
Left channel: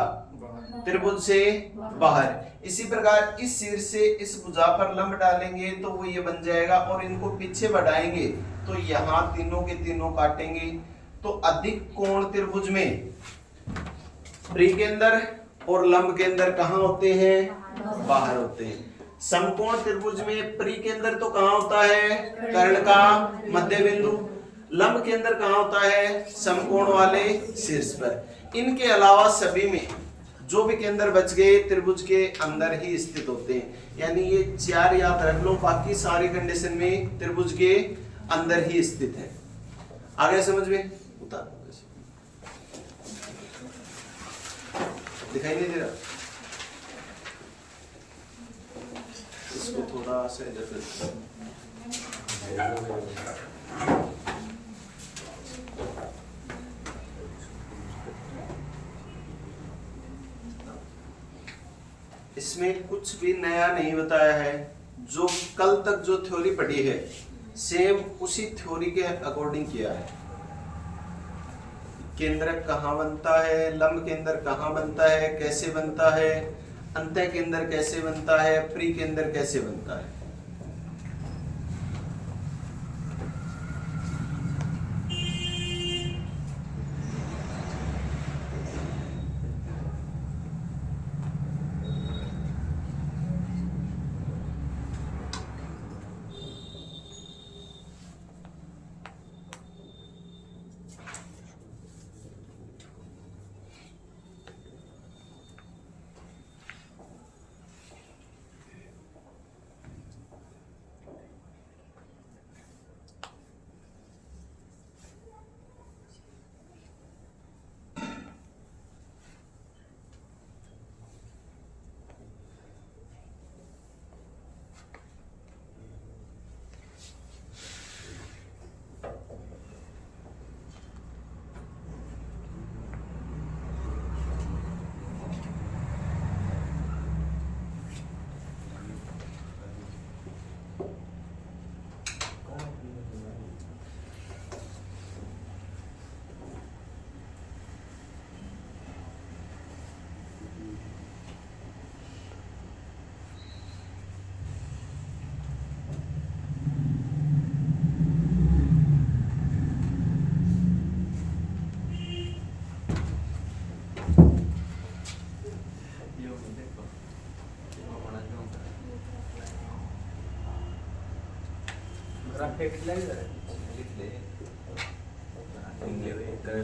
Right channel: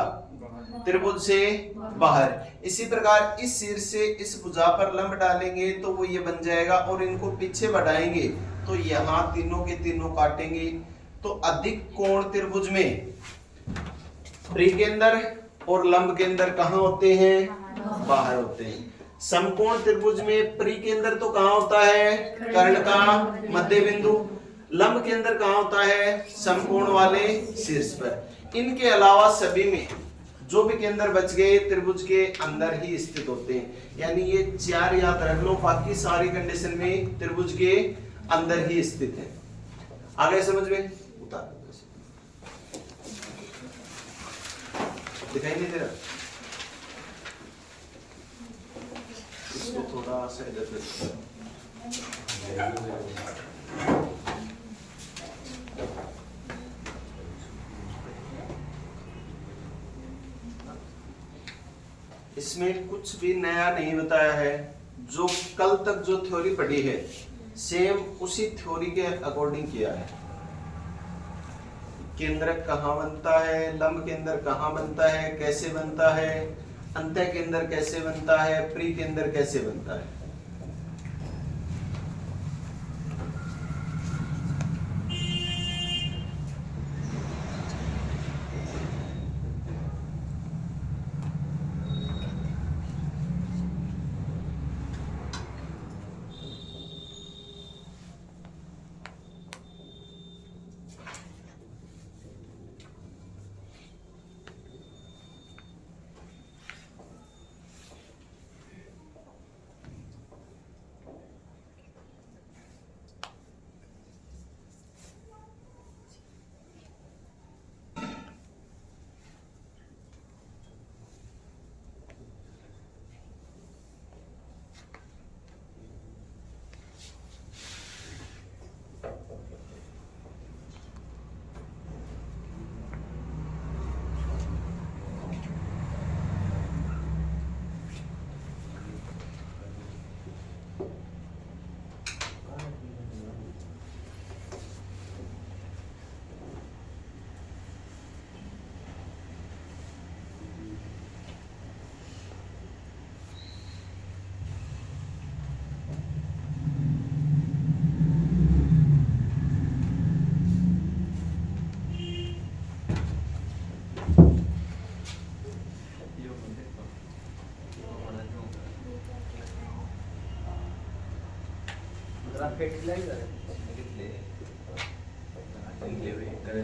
त्रिभुज से बाहर। इसी प्रकार इस शीर्ष से इस भुजा पर लंब डालेंगे तो वो ये बन जाएगा और इनको पीछे बढ़ाएंगे तो यहां तीनों के तीनों काटेंगे। तो अधिक कोण त्रिभुज में परिकेंद्र और लंब केंद्र कहां होते हैं? बाहर होते हैं। समकोण त्रिभुज में परिकेंद्र तो कहां होता है? कर्ण का मध्य बिंदु। लंब केंद्र कहां होता है? समकोण वाले शीर्ष पर। इनके अलावा सभी में जो भी केंद्र बच गए त्रिभुज के अंदर ही स्थित होते हैं। यानी ये 4 याद रख लो, बाकी सारी कंडीशन में त्रिभुज के अंदर ही स्थित है। आगे समझ में? उतार दिखाई नहीं दे रहा? इसको थोड़ा सा इधर इसमें कुछ भी नया नहीं बताया है। जो कल तक जो थ्योरी पढ़ी है सेम उसी थ्योरी के अकॉर्डिंग किया है। केंद्रक कहाँ बनता है, लंब केंद्र कहाँ बनता है, कैसे बनता है, अंतः केंद्र कैसे बनता है, प्री केंद्र कैसे बनता है।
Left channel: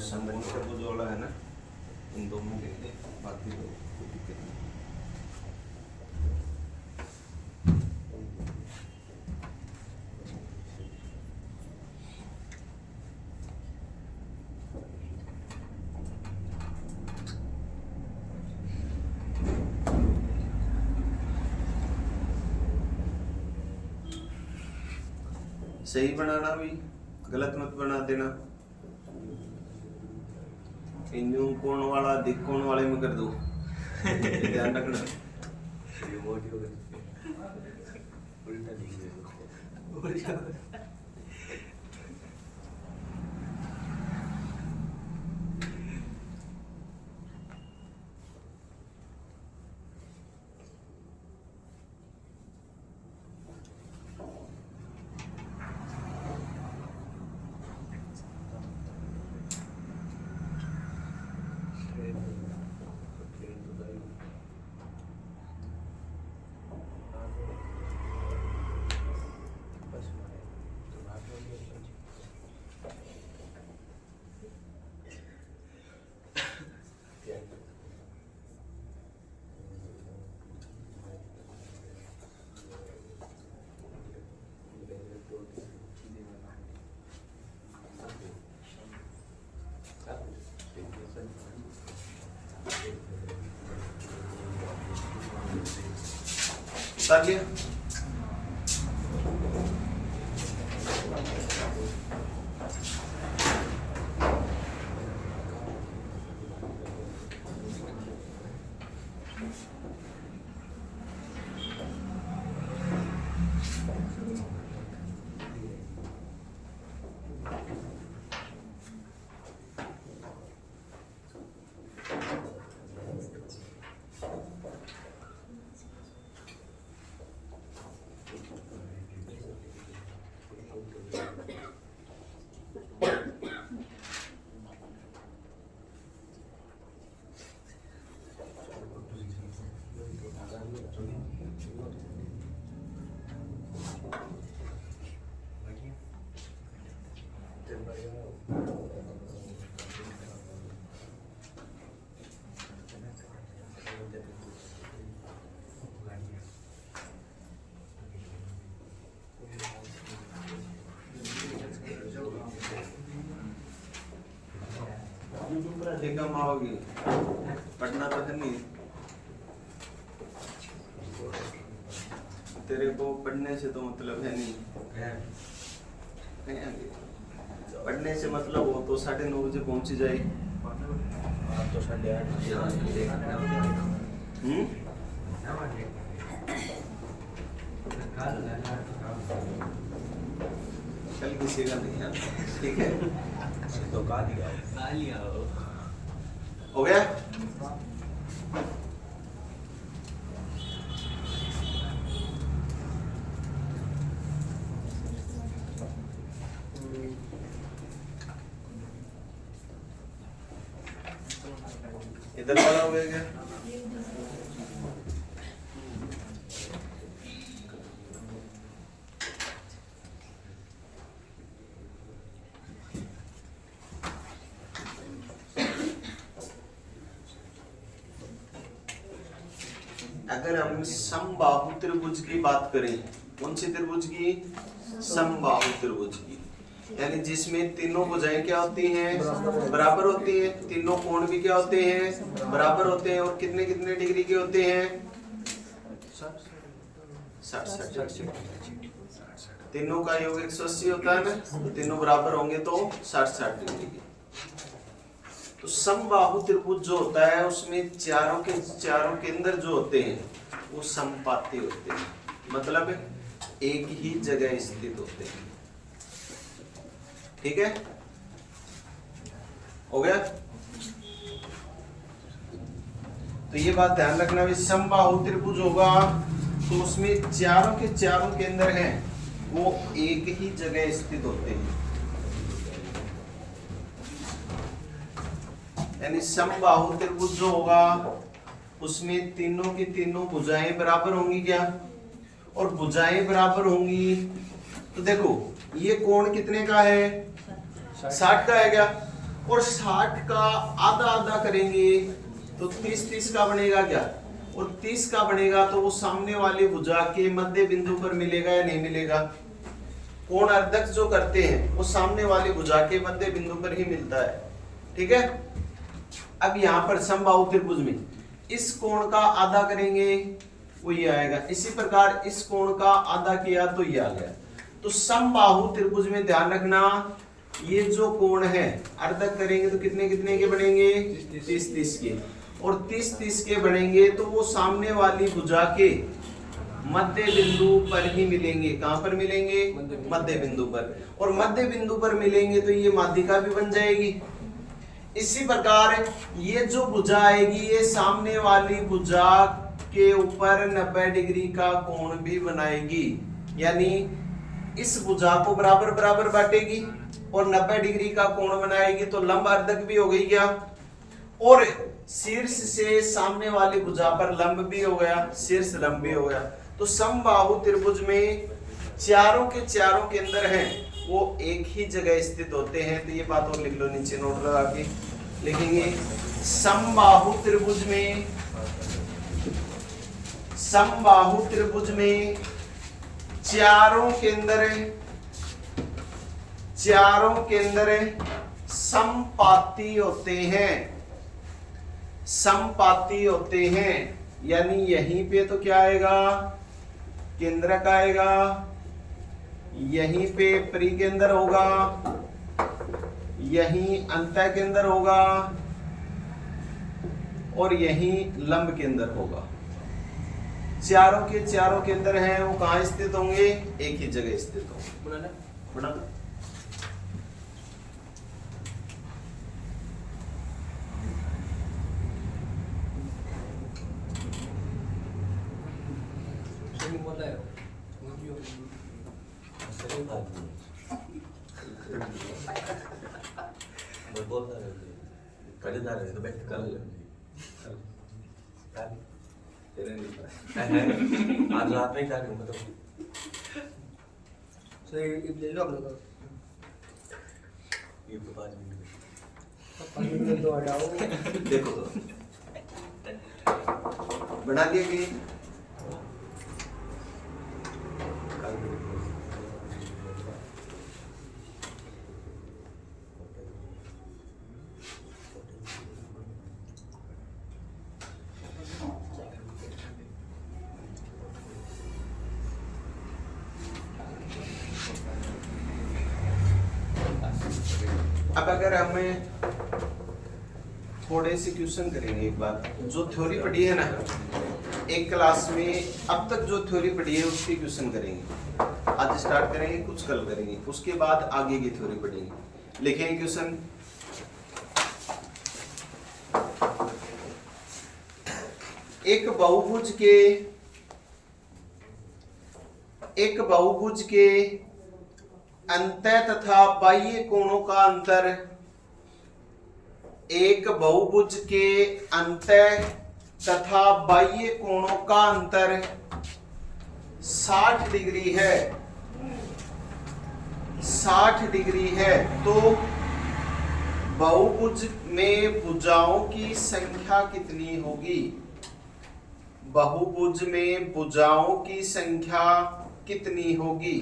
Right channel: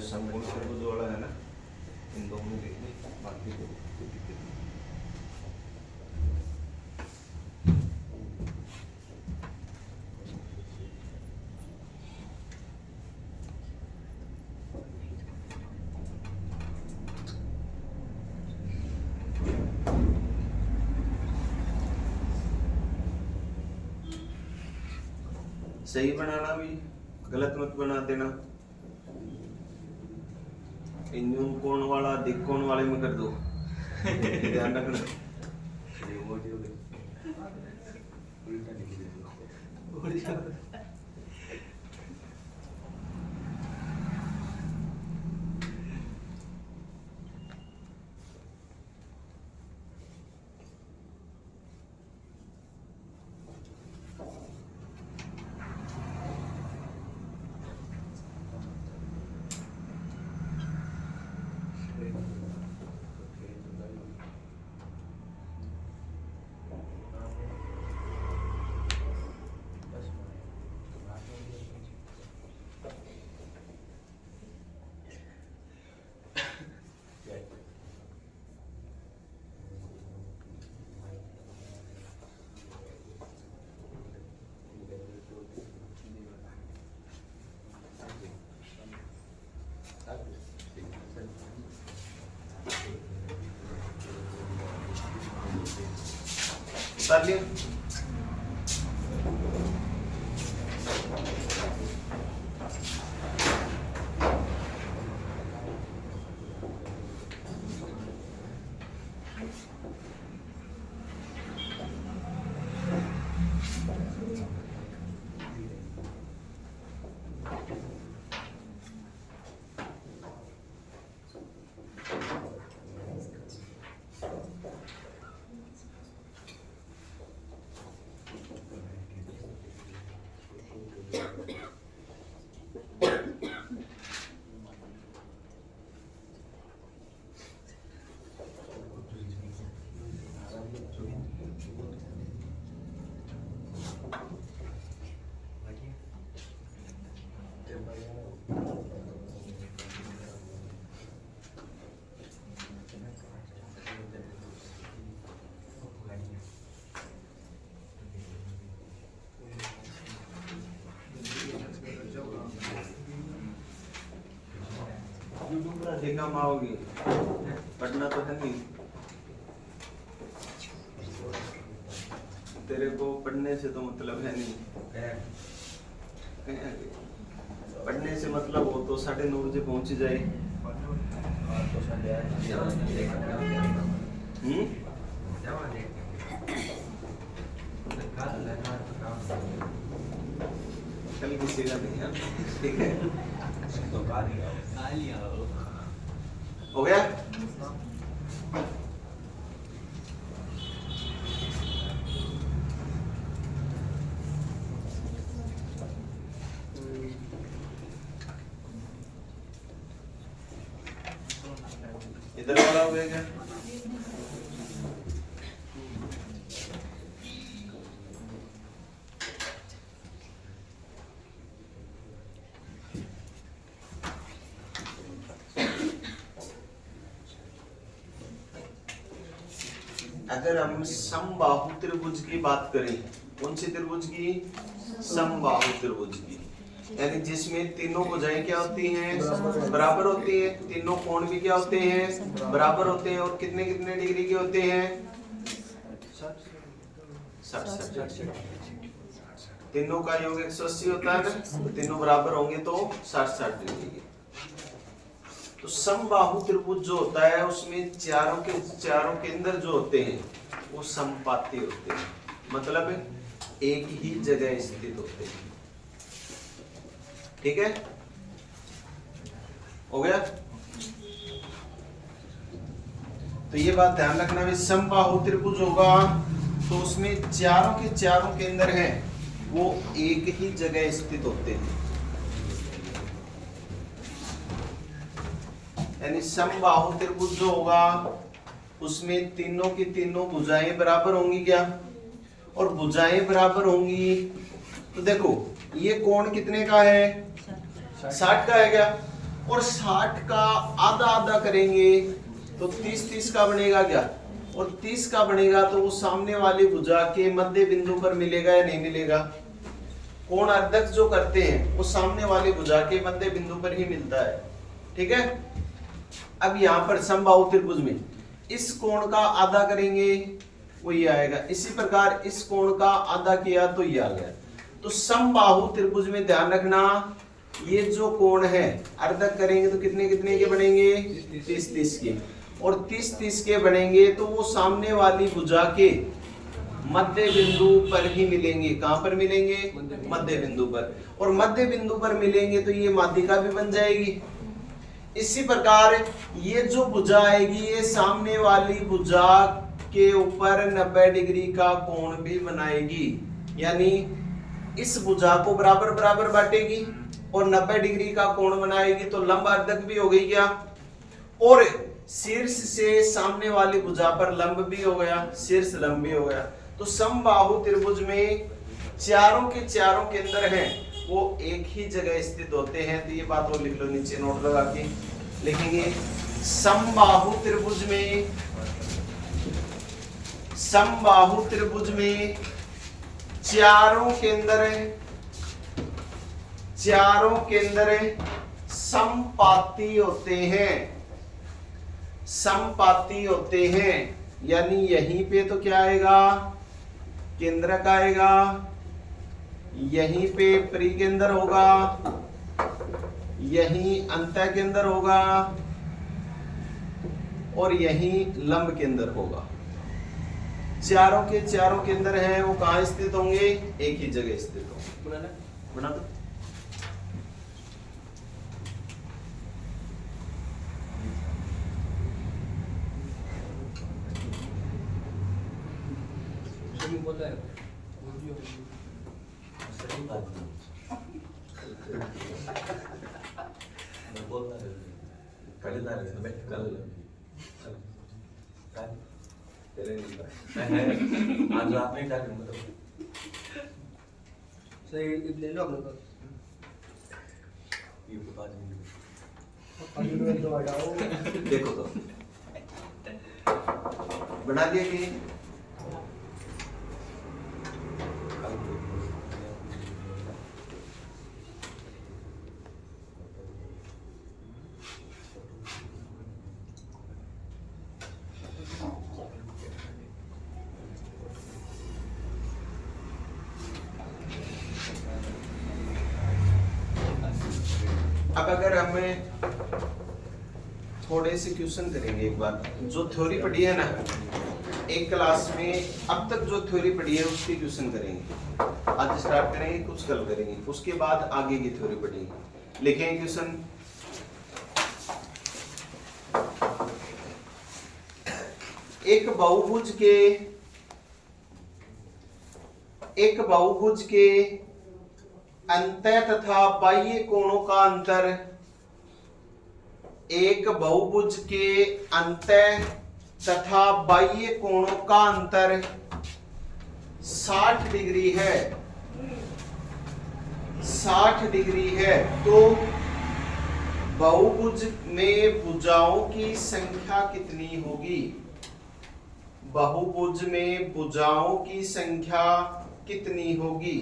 समकोण त्रिभुज वाला है ना, इन दोनों लिख दे, बाकी तो कोई दिक्कत नहीं। सही बनाना भी, गलत मत बना देना। न्यून कोण वाला दिक कोण वाले में कर दो। ध्यान रखना। कर लिया। देखा माओगी पढ़ना तो है नहीं, तेरे को पढ़ने से तो मतलब है नहीं, पढ़ने से मतलब हो तो 9:30 बजे पहुंच जाए। तो 8:30 कल किसी का नहीं है, ठीक है तो हो गया। इधर वाला हो गया। अगर हम समबाहु त्रिभुज की बात करें, कौन सी त्रिभुज की? समबाहु त्रिभुज की, यानी जिसमें तीनों भुजाएं क्या होती हैं? बराबर होती हैं, तीनों कोण भी क्या होते हैं? बराबर होते हैं। और कितने कितने डिग्री के होते हैं? 60। तीनों का योग 180 होता है ना, तीनों बराबर होंगे तो 60 डिग्री के। तो समबाहु त्रिभुज जो होता है उसमें चारों केंद्र जो होते हैं वो समपाती होते हैं, मतलब एक ही जगह स्थित होते हैं। ठीक है, हो गया। तो ये बात ध्यान रखना, भी समबाहु त्रिभुज होगा तो उसमें चारों केंद्र हैं वो एक ही जगह स्थित होते हैं, यानी समबाहु त्रिभुज जो होगा उसमें तीनों की तीनों भुजाएं बराबर होंगी क्या? और भुजाएं बराबर होंगी तो देखो ये कोण कितने का है? 60 का है क्या? और 60 का आधा आधा करेंगे तो 30 का बनेगा क्या? और 30 का बनेगा तो वो सामने वाली भुजा के मध्य बिंदु पर मिलेगा या नहीं मिलेगा? कोण अर्धक जो करते हैं वो सामने वाली भुजा के मध्य बिंदु पर ही मिलता है। ठीक है, अब यहाँ पर समबाहु त्रिभुज में इस कोण का आधा करेंगे वो ये आएगा, इसी प्रकार इस कोण का आधा किया तो ये आ गया। तो समबाहु त्रिभुज में ध्यान रखना ये जो कोण है अर्धक करेंगे तो कितने कितने के बनेंगे? 30 के, और 30 के बनेंगे तो वो सामने वाली भुजा के मध्य बिंदु पर ही मिलेंगे। कहां पर मिलेंगे? मध्य बिंदु पर, और मध्य बिंदु पर मिलेंगे तो ये माध्यिका भी बन जाएगी। इसी प्रकार ये जो भुजा आएगी ये सामने वाली भुजा के ऊपर 90 डिग्री का कोण भी बनाएगी, यानी इस भुजा को बराबर बराबर बांटेगी और 90 डिग्री का कोण बनाएगी, तो लंब अर्धक भी हो गई क्या? और शीर्ष से सामने वाली भुजा पर लंब भी हो गया, शीर्ष लंब भी हो गया। तो समबाहु त्रिभुज में चारों के चारों केंद्र हैं वो एक ही जगह स्थित होते हैं। तो ये बात और लिख लो, नीचे नोट लगा के लिखेंगे। समबाहु त्रिभुज में चारों केंद्र समपाती होते हैं, यानी यहीं पे तो क्या आएगा? केंद्रक आएगा, यहीं पे परिकेंद्र होगा, यहीं अंतः केंद्र होगा और यहीं लंब केंद्र होगा। चारों के चारों केंद्र हैं वो कहाँ स्थित होंगे? एक ही जगह स्थित होंगे। बना दो। देखो तो बना दिए कि अब अगर हमें थोड़े से क्वेश्चन करेंगे एक बार, जो थ्योरी पढ़ी है ना एक क्लास में, अब तक जो थ्योरी पढ़ी है उसकी क्वेश्चन करेंगे। आज स्टार्ट करेंगे, कुछ कल करेंगे, उसके बाद आगे की थ्योरी पढ़ेंगे। लिखेंगे क्वेश्चन। एक बहुभुज के अंतः तथा बाह्य कोणों का अंतर, एक बहुभुज के अंतः तथा बाह्य कोणों का अंतर 60 डिग्री है। 60 डिग्री है तो बहुभुज में भुजाओं की संख्या कितनी होगी? बहुभुज में भुजाओं की संख्या कितनी होगी?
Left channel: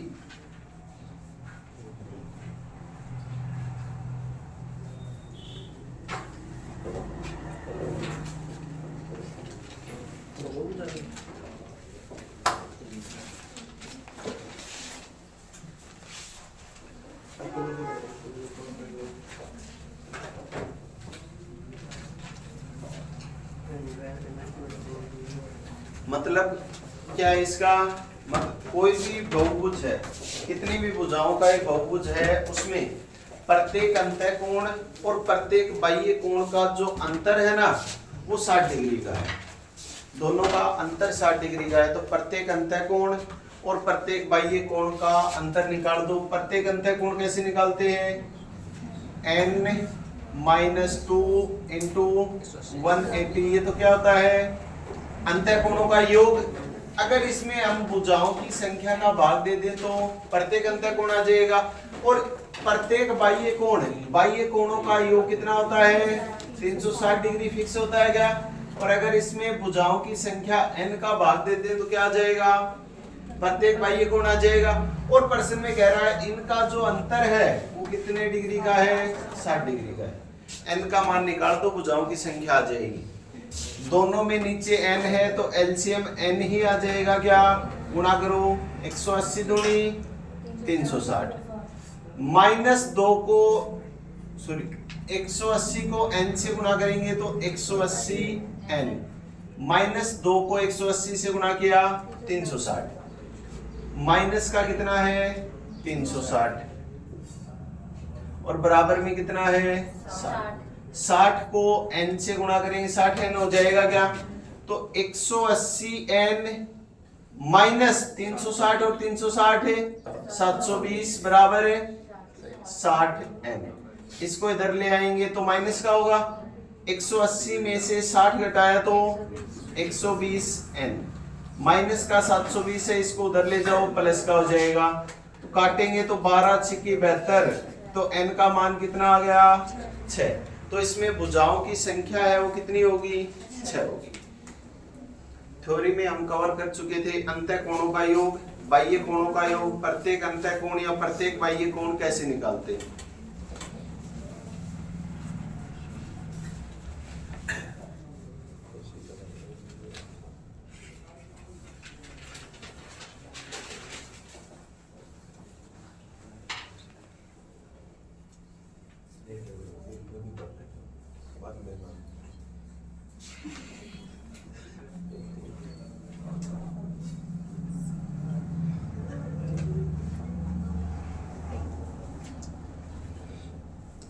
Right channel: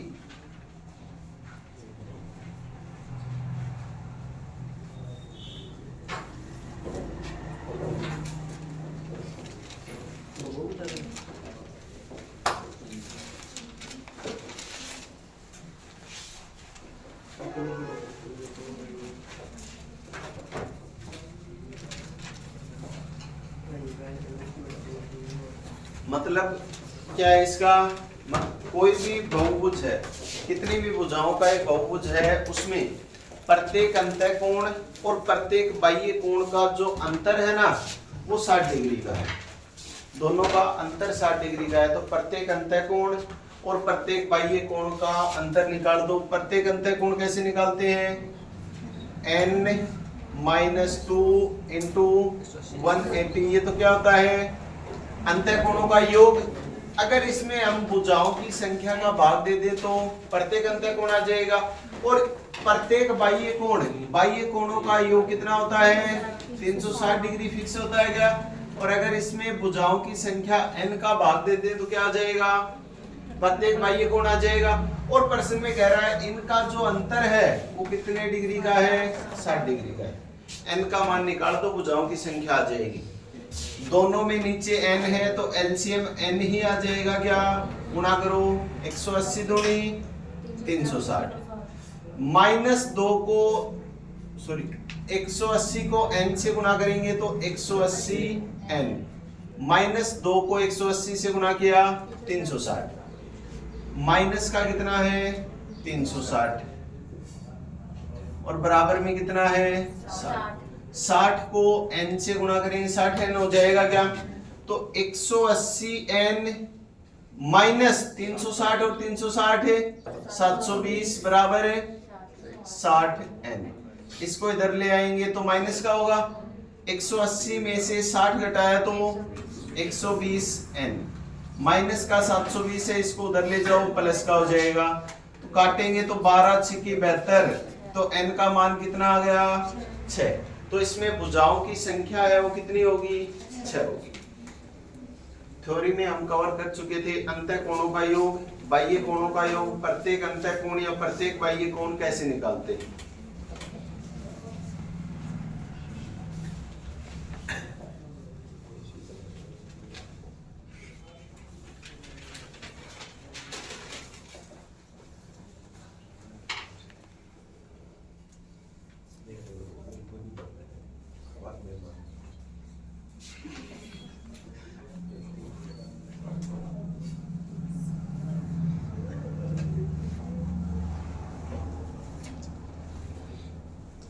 मतलब क्या इसका कोई भी बहुभुज है, कितनी भी भुजाओं का एक बहुभुज है, उसमें प्रत्येक अंतः कोण और प्रत्येक बाह्य कोण का जो अंतर है ना वो 60 डिग्री का है। दोनों का अंतर 60 डिग्री का है तो प्रत्येक अंतः कोण और प्रत्येक बाह्य कोण का अंतर निकाल दो। प्रत्येक अंतः कोण कैसे निकालते हैं? n-2 इंटू 180, ये तो क्या होता है? अंतः कोणों का योग। अगर इसमें हम भुजाओं की संख्या का भाग दे दें तो प्रत्येक अंतः कोण आ जाएगा और प्रत्येक बाह्य कोणों का योग कितना होता है? 360 डिग्री फिक्स होता है क्या? और अगर इसमें भुजाओं की संख्या n का भाग दे दें तो क्या आ जाएगा? प्रत्येक बाह्य कोण आ जाएगा। और प्रश्न में कह रहा है इनका जो अंतर है वो कितने डिग्री का है? 60 डिग्री का है। n का मान निकाल तो भुजाओं की संख्या आ जाएगी। दोनों में नीचे n है तो एलसीएम n ही आ जाएगा। क्या गुणा करो? 180 दूनी 360 -2 को 180 को n से गुणा करेंगे तो 180 n, -2 को 180 से गुणा किया 360, माइनस का कितना है? 360 और बराबर में कितना है? 60। 60 को n से गुणा करेंगे 60 n हो जाएगा क्या? तो 180 n माइनस 360 और 360 है 720 बराबर है 60 n। इसको इधर ले आएंगे तो माइनस का होगा। 180 में से 60 घटाया तो 120 n, माइनस का 720 है, इसको उधर ले जाओ प्लस का हो जाएगा। तो काटेंगे तो 12 6 की 72, तो n का मान कितना आ गया? 6। तो इसमें भुजाओं की संख्या है वो कितनी होगी? 6 होगी। थ्योरी में हम कवर कर चुके थे अंतः कोणों का योग, बाह्य कोणों का योग, प्रत्येक अंतः कोण या प्रत्येक बाह्य कोण कैसे निकालते हैं।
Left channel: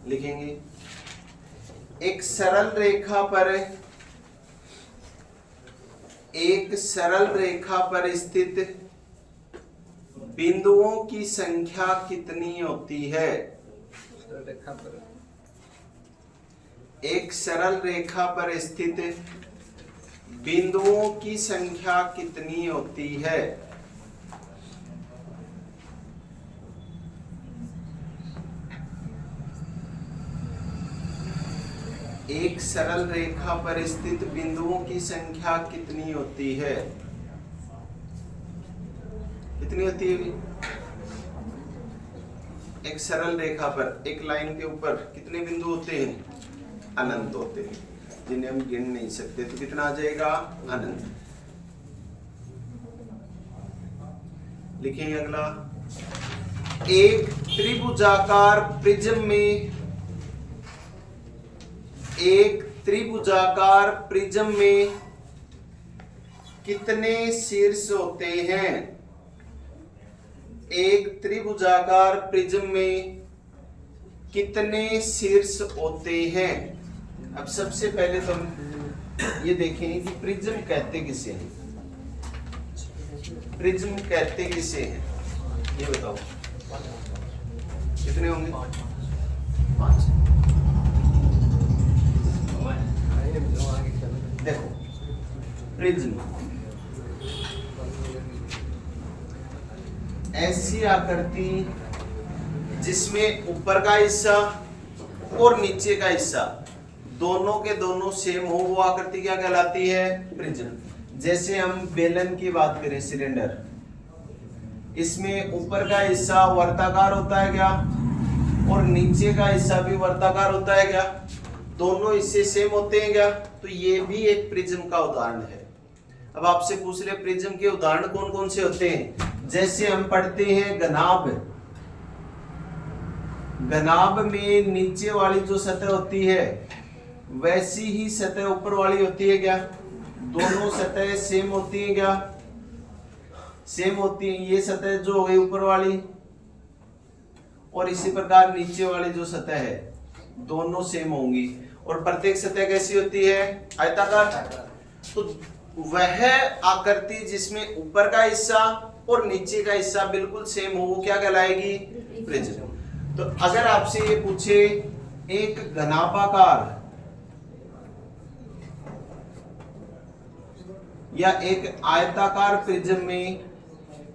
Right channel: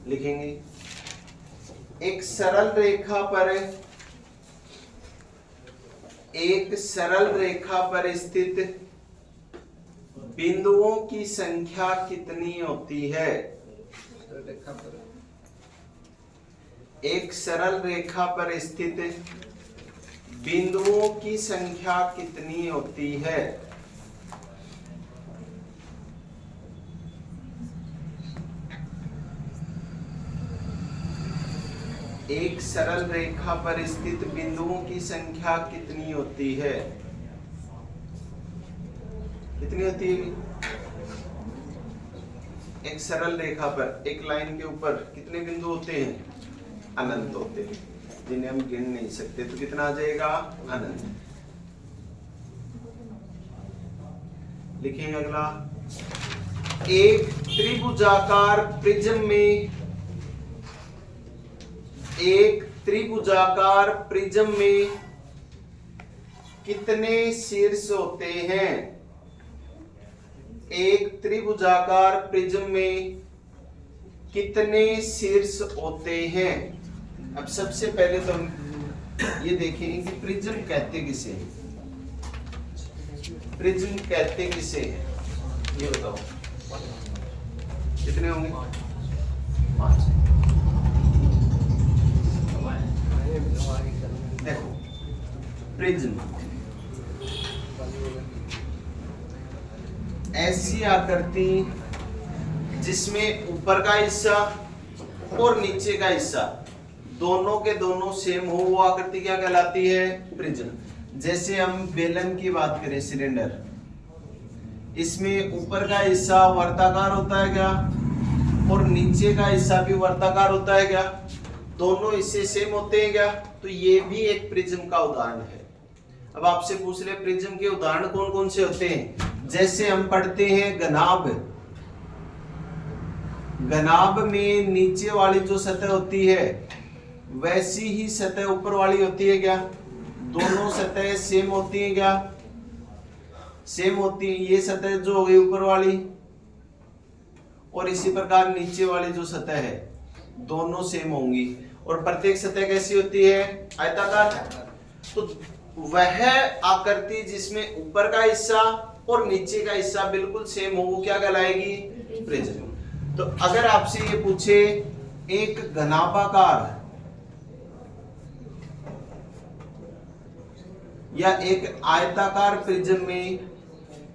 लिखेंगे एक सरल रेखा पर स्थित बिंदुओं की संख्या कितनी होती है? एक सरल रेखा पर स्थित बिंदुओं की संख्या कितनी होती है? एक सरल रेखा पर स्थित बिंदुओं की संख्या कितनी होती है? कितनी होती है? एक सरल रेखा पर, एक लाइन के ऊपर कितने बिंदु होते हैं? अनंत होते हैं, जिन्हें हम गिन नहीं सकते। तो कितना आ जाएगा? अनंत। लिखेंगे अगला, एक त्रिभुजाकार प्रिज्म में कितने शीर्ष होते हैं? एक त्रिभुजाकार प्रिज्म में कितने शीर्ष होते हैं? अब सबसे पहले तो हम ये देखें कि प्रिज्म कहते किसे हैं। प्रिज्म कहते किसे हैं, ये बताओ कितने होंगे? 5। देखो प्रिज्म ऐसी आकृति जिसमें ऊपर का हिस्सा और नीचे का हिस्सा दोनों के दोनों सेम हो, वो आकृति क्या कहलाती है? प्रिज्म। जैसे हम बेलन की बात करें, सिलेंडर, इसमें ऊपर का हिस्सा वर्ताकार होता है क्या, और नीचे का हिस्सा भी वर्ताकार होता है क्या? दोनों हिस्से सेम होते हैं क्या? तो ये भी एक प्रिज्म का उदाहरण है। अब आपसे पूछ ले प्रिज्म के उदाहरण कौन कौन से होते हैं? जैसे हम पढ़ते हैं घनाभ, घनाभ में नीचे वाली जो सतह होती है वैसी ही सतह ऊपर वाली होती है क्या? दोनों सतह सेम होती है क्या? सेम होती है। ये सतह जो हो गई ऊपर वाली, और इसी प्रकार नीचे वाली जो सतह है दोनों सेम होंगी। और प्रत्येक सतह कैसी होती है? आयताकार। तो वह आकृति जिसमें ऊपर का हिस्सा और नीचे का हिस्सा बिल्कुल सेम हो, वो क्या कहलाएगी? प्रिज्म। तो अगर आपसे ये पूछे एक घनाभाकार या एक आयताकार प्रिज्म में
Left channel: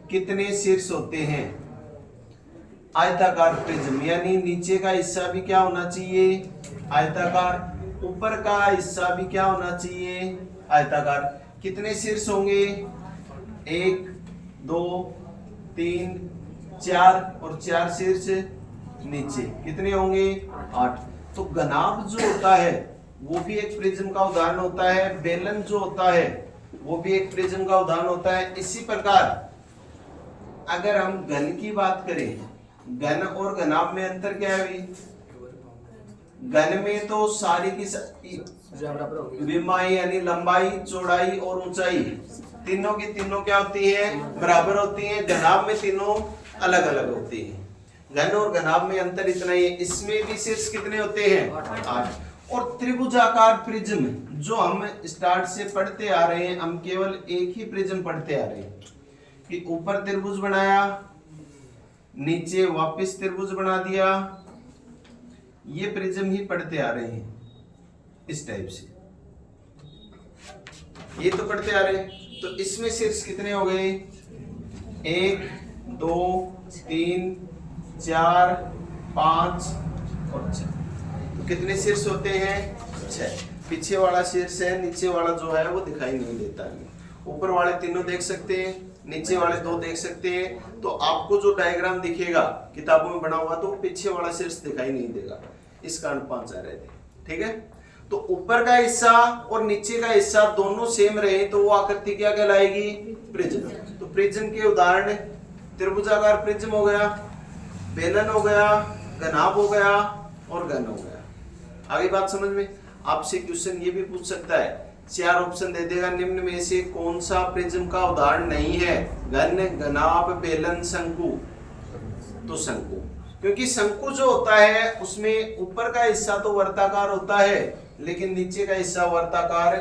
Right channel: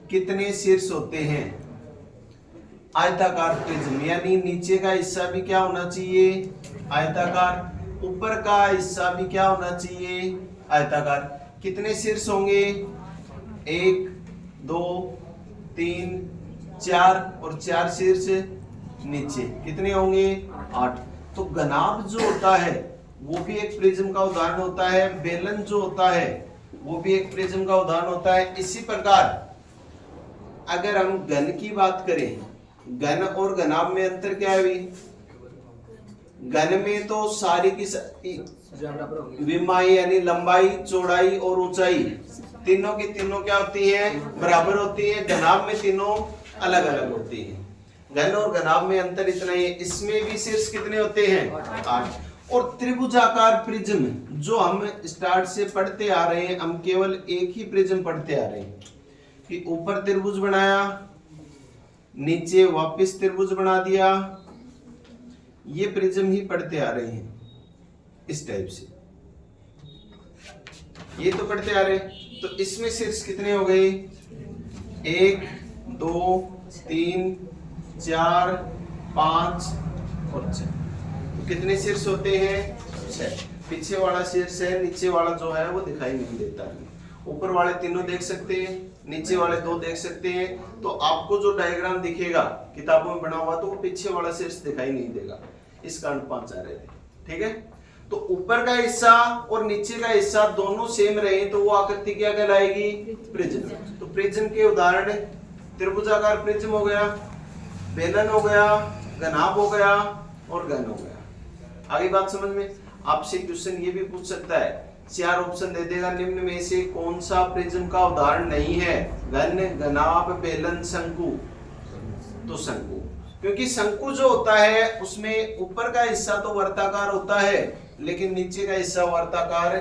कितने शीर्ष होते हैं? आयताकार प्रिज्म यानी नीचे का हिस्सा भी क्या होना चाहिए? आयताकार। ऊपर का हिस्सा भी क्या होना चाहिए? आयताकार। कितने शीर्ष होंगे? 1 2 3 4 और 4 शीर्ष नीचे। कितने होंगे? 8। तो घनाभ जो होता है वो भी एक प्रिज्म का उदाहरण होता है। बेलन जो होता है वो भी एक प्रिज्म का उदाहरण होता है। इसी प्रकार अगर हम घन की बात करें, घन और घनाभ में अंतर क्या है? घन में तो सारी की विमाई यानी लंबाई, चौड़ाई और ऊंचाई तीनों की तीनों क्या होती है? बराबर होती हैं। घनाभ में तीनों अलग अलग होती हैं। घन और घनाभ में अंतर इतना ही है। इसमें भी शीर्ष कितने होते हैं? 8। और त्रिभुजाकार प्रिज्म जो हम स्टार्ट से पढ़ते आ रहे हैं, हम केवल एक ही प्रिज्म पढ़ते आ रहे हैं कि ऊपर त्रिभुज बनाया, नीचे वापस त्रिभुज बना दिया, ये प्रिज्म ही पढ़ते आ रहे हैं इस टाइप से। ये तो पढ़ते आ रहे हैं। तो इसमें शीर्ष कितने हो गए? 1 2 3 4 5 और 6। तो कितने शीर्ष होते हैं? 6। पीछे वाला शीर्ष है, नीचे वाला जो है वो दिखाई नहीं देता है। ऊपर वाले तीनों देख सकते हैं, नीचे वाले 2 देख सकते हैं। तो आपको जो डायग्राम दिखेगा किताबों में बना हुआ, तो वो पीछे वाला शीर्ष दिखाई नहीं देगा। इस कारण 5 आ रहे थे। ठीक है। तो ऊपर का हिस्सा और नीचे का हिस्सा दोनों सेम रहे तो वो आकृति क्या कहलाएगी? प्रिज्म। तो प्रिज्म के उदाहरण त्रिभुजाकार प्रिज्म हो गया, बेलन हो गया, घनाभ हो गया और घन हो गया। आगे बात समझ में? आपसे क्वेश्चन ये भी पूछ सकता है, 4 ऑप्शन दे देगा, निम्न में से कौन सा प्रिज्म का उदाहरण नहीं है? घन, घनाभ, बेलन, शंकु। तो शंकु। क्योंकि शंकु जो होता है उसमें ऊपर का हिस्सा तो वर्ताकार होता है लेकिन नीचे का हिस्सा वर्ताकार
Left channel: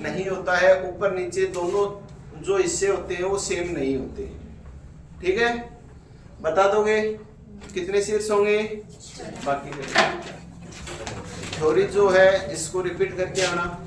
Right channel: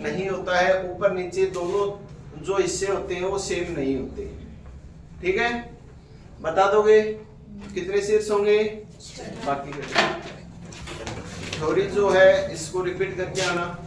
नहीं होता है। ऊपर नीचे दोनों जो हिस्से होते हैं वो सेम नहीं होते। ठीक है, बता दोगे कितने शीर्ष होंगे? बाकी थ्योरी जो है इसको रिपीट करके आना।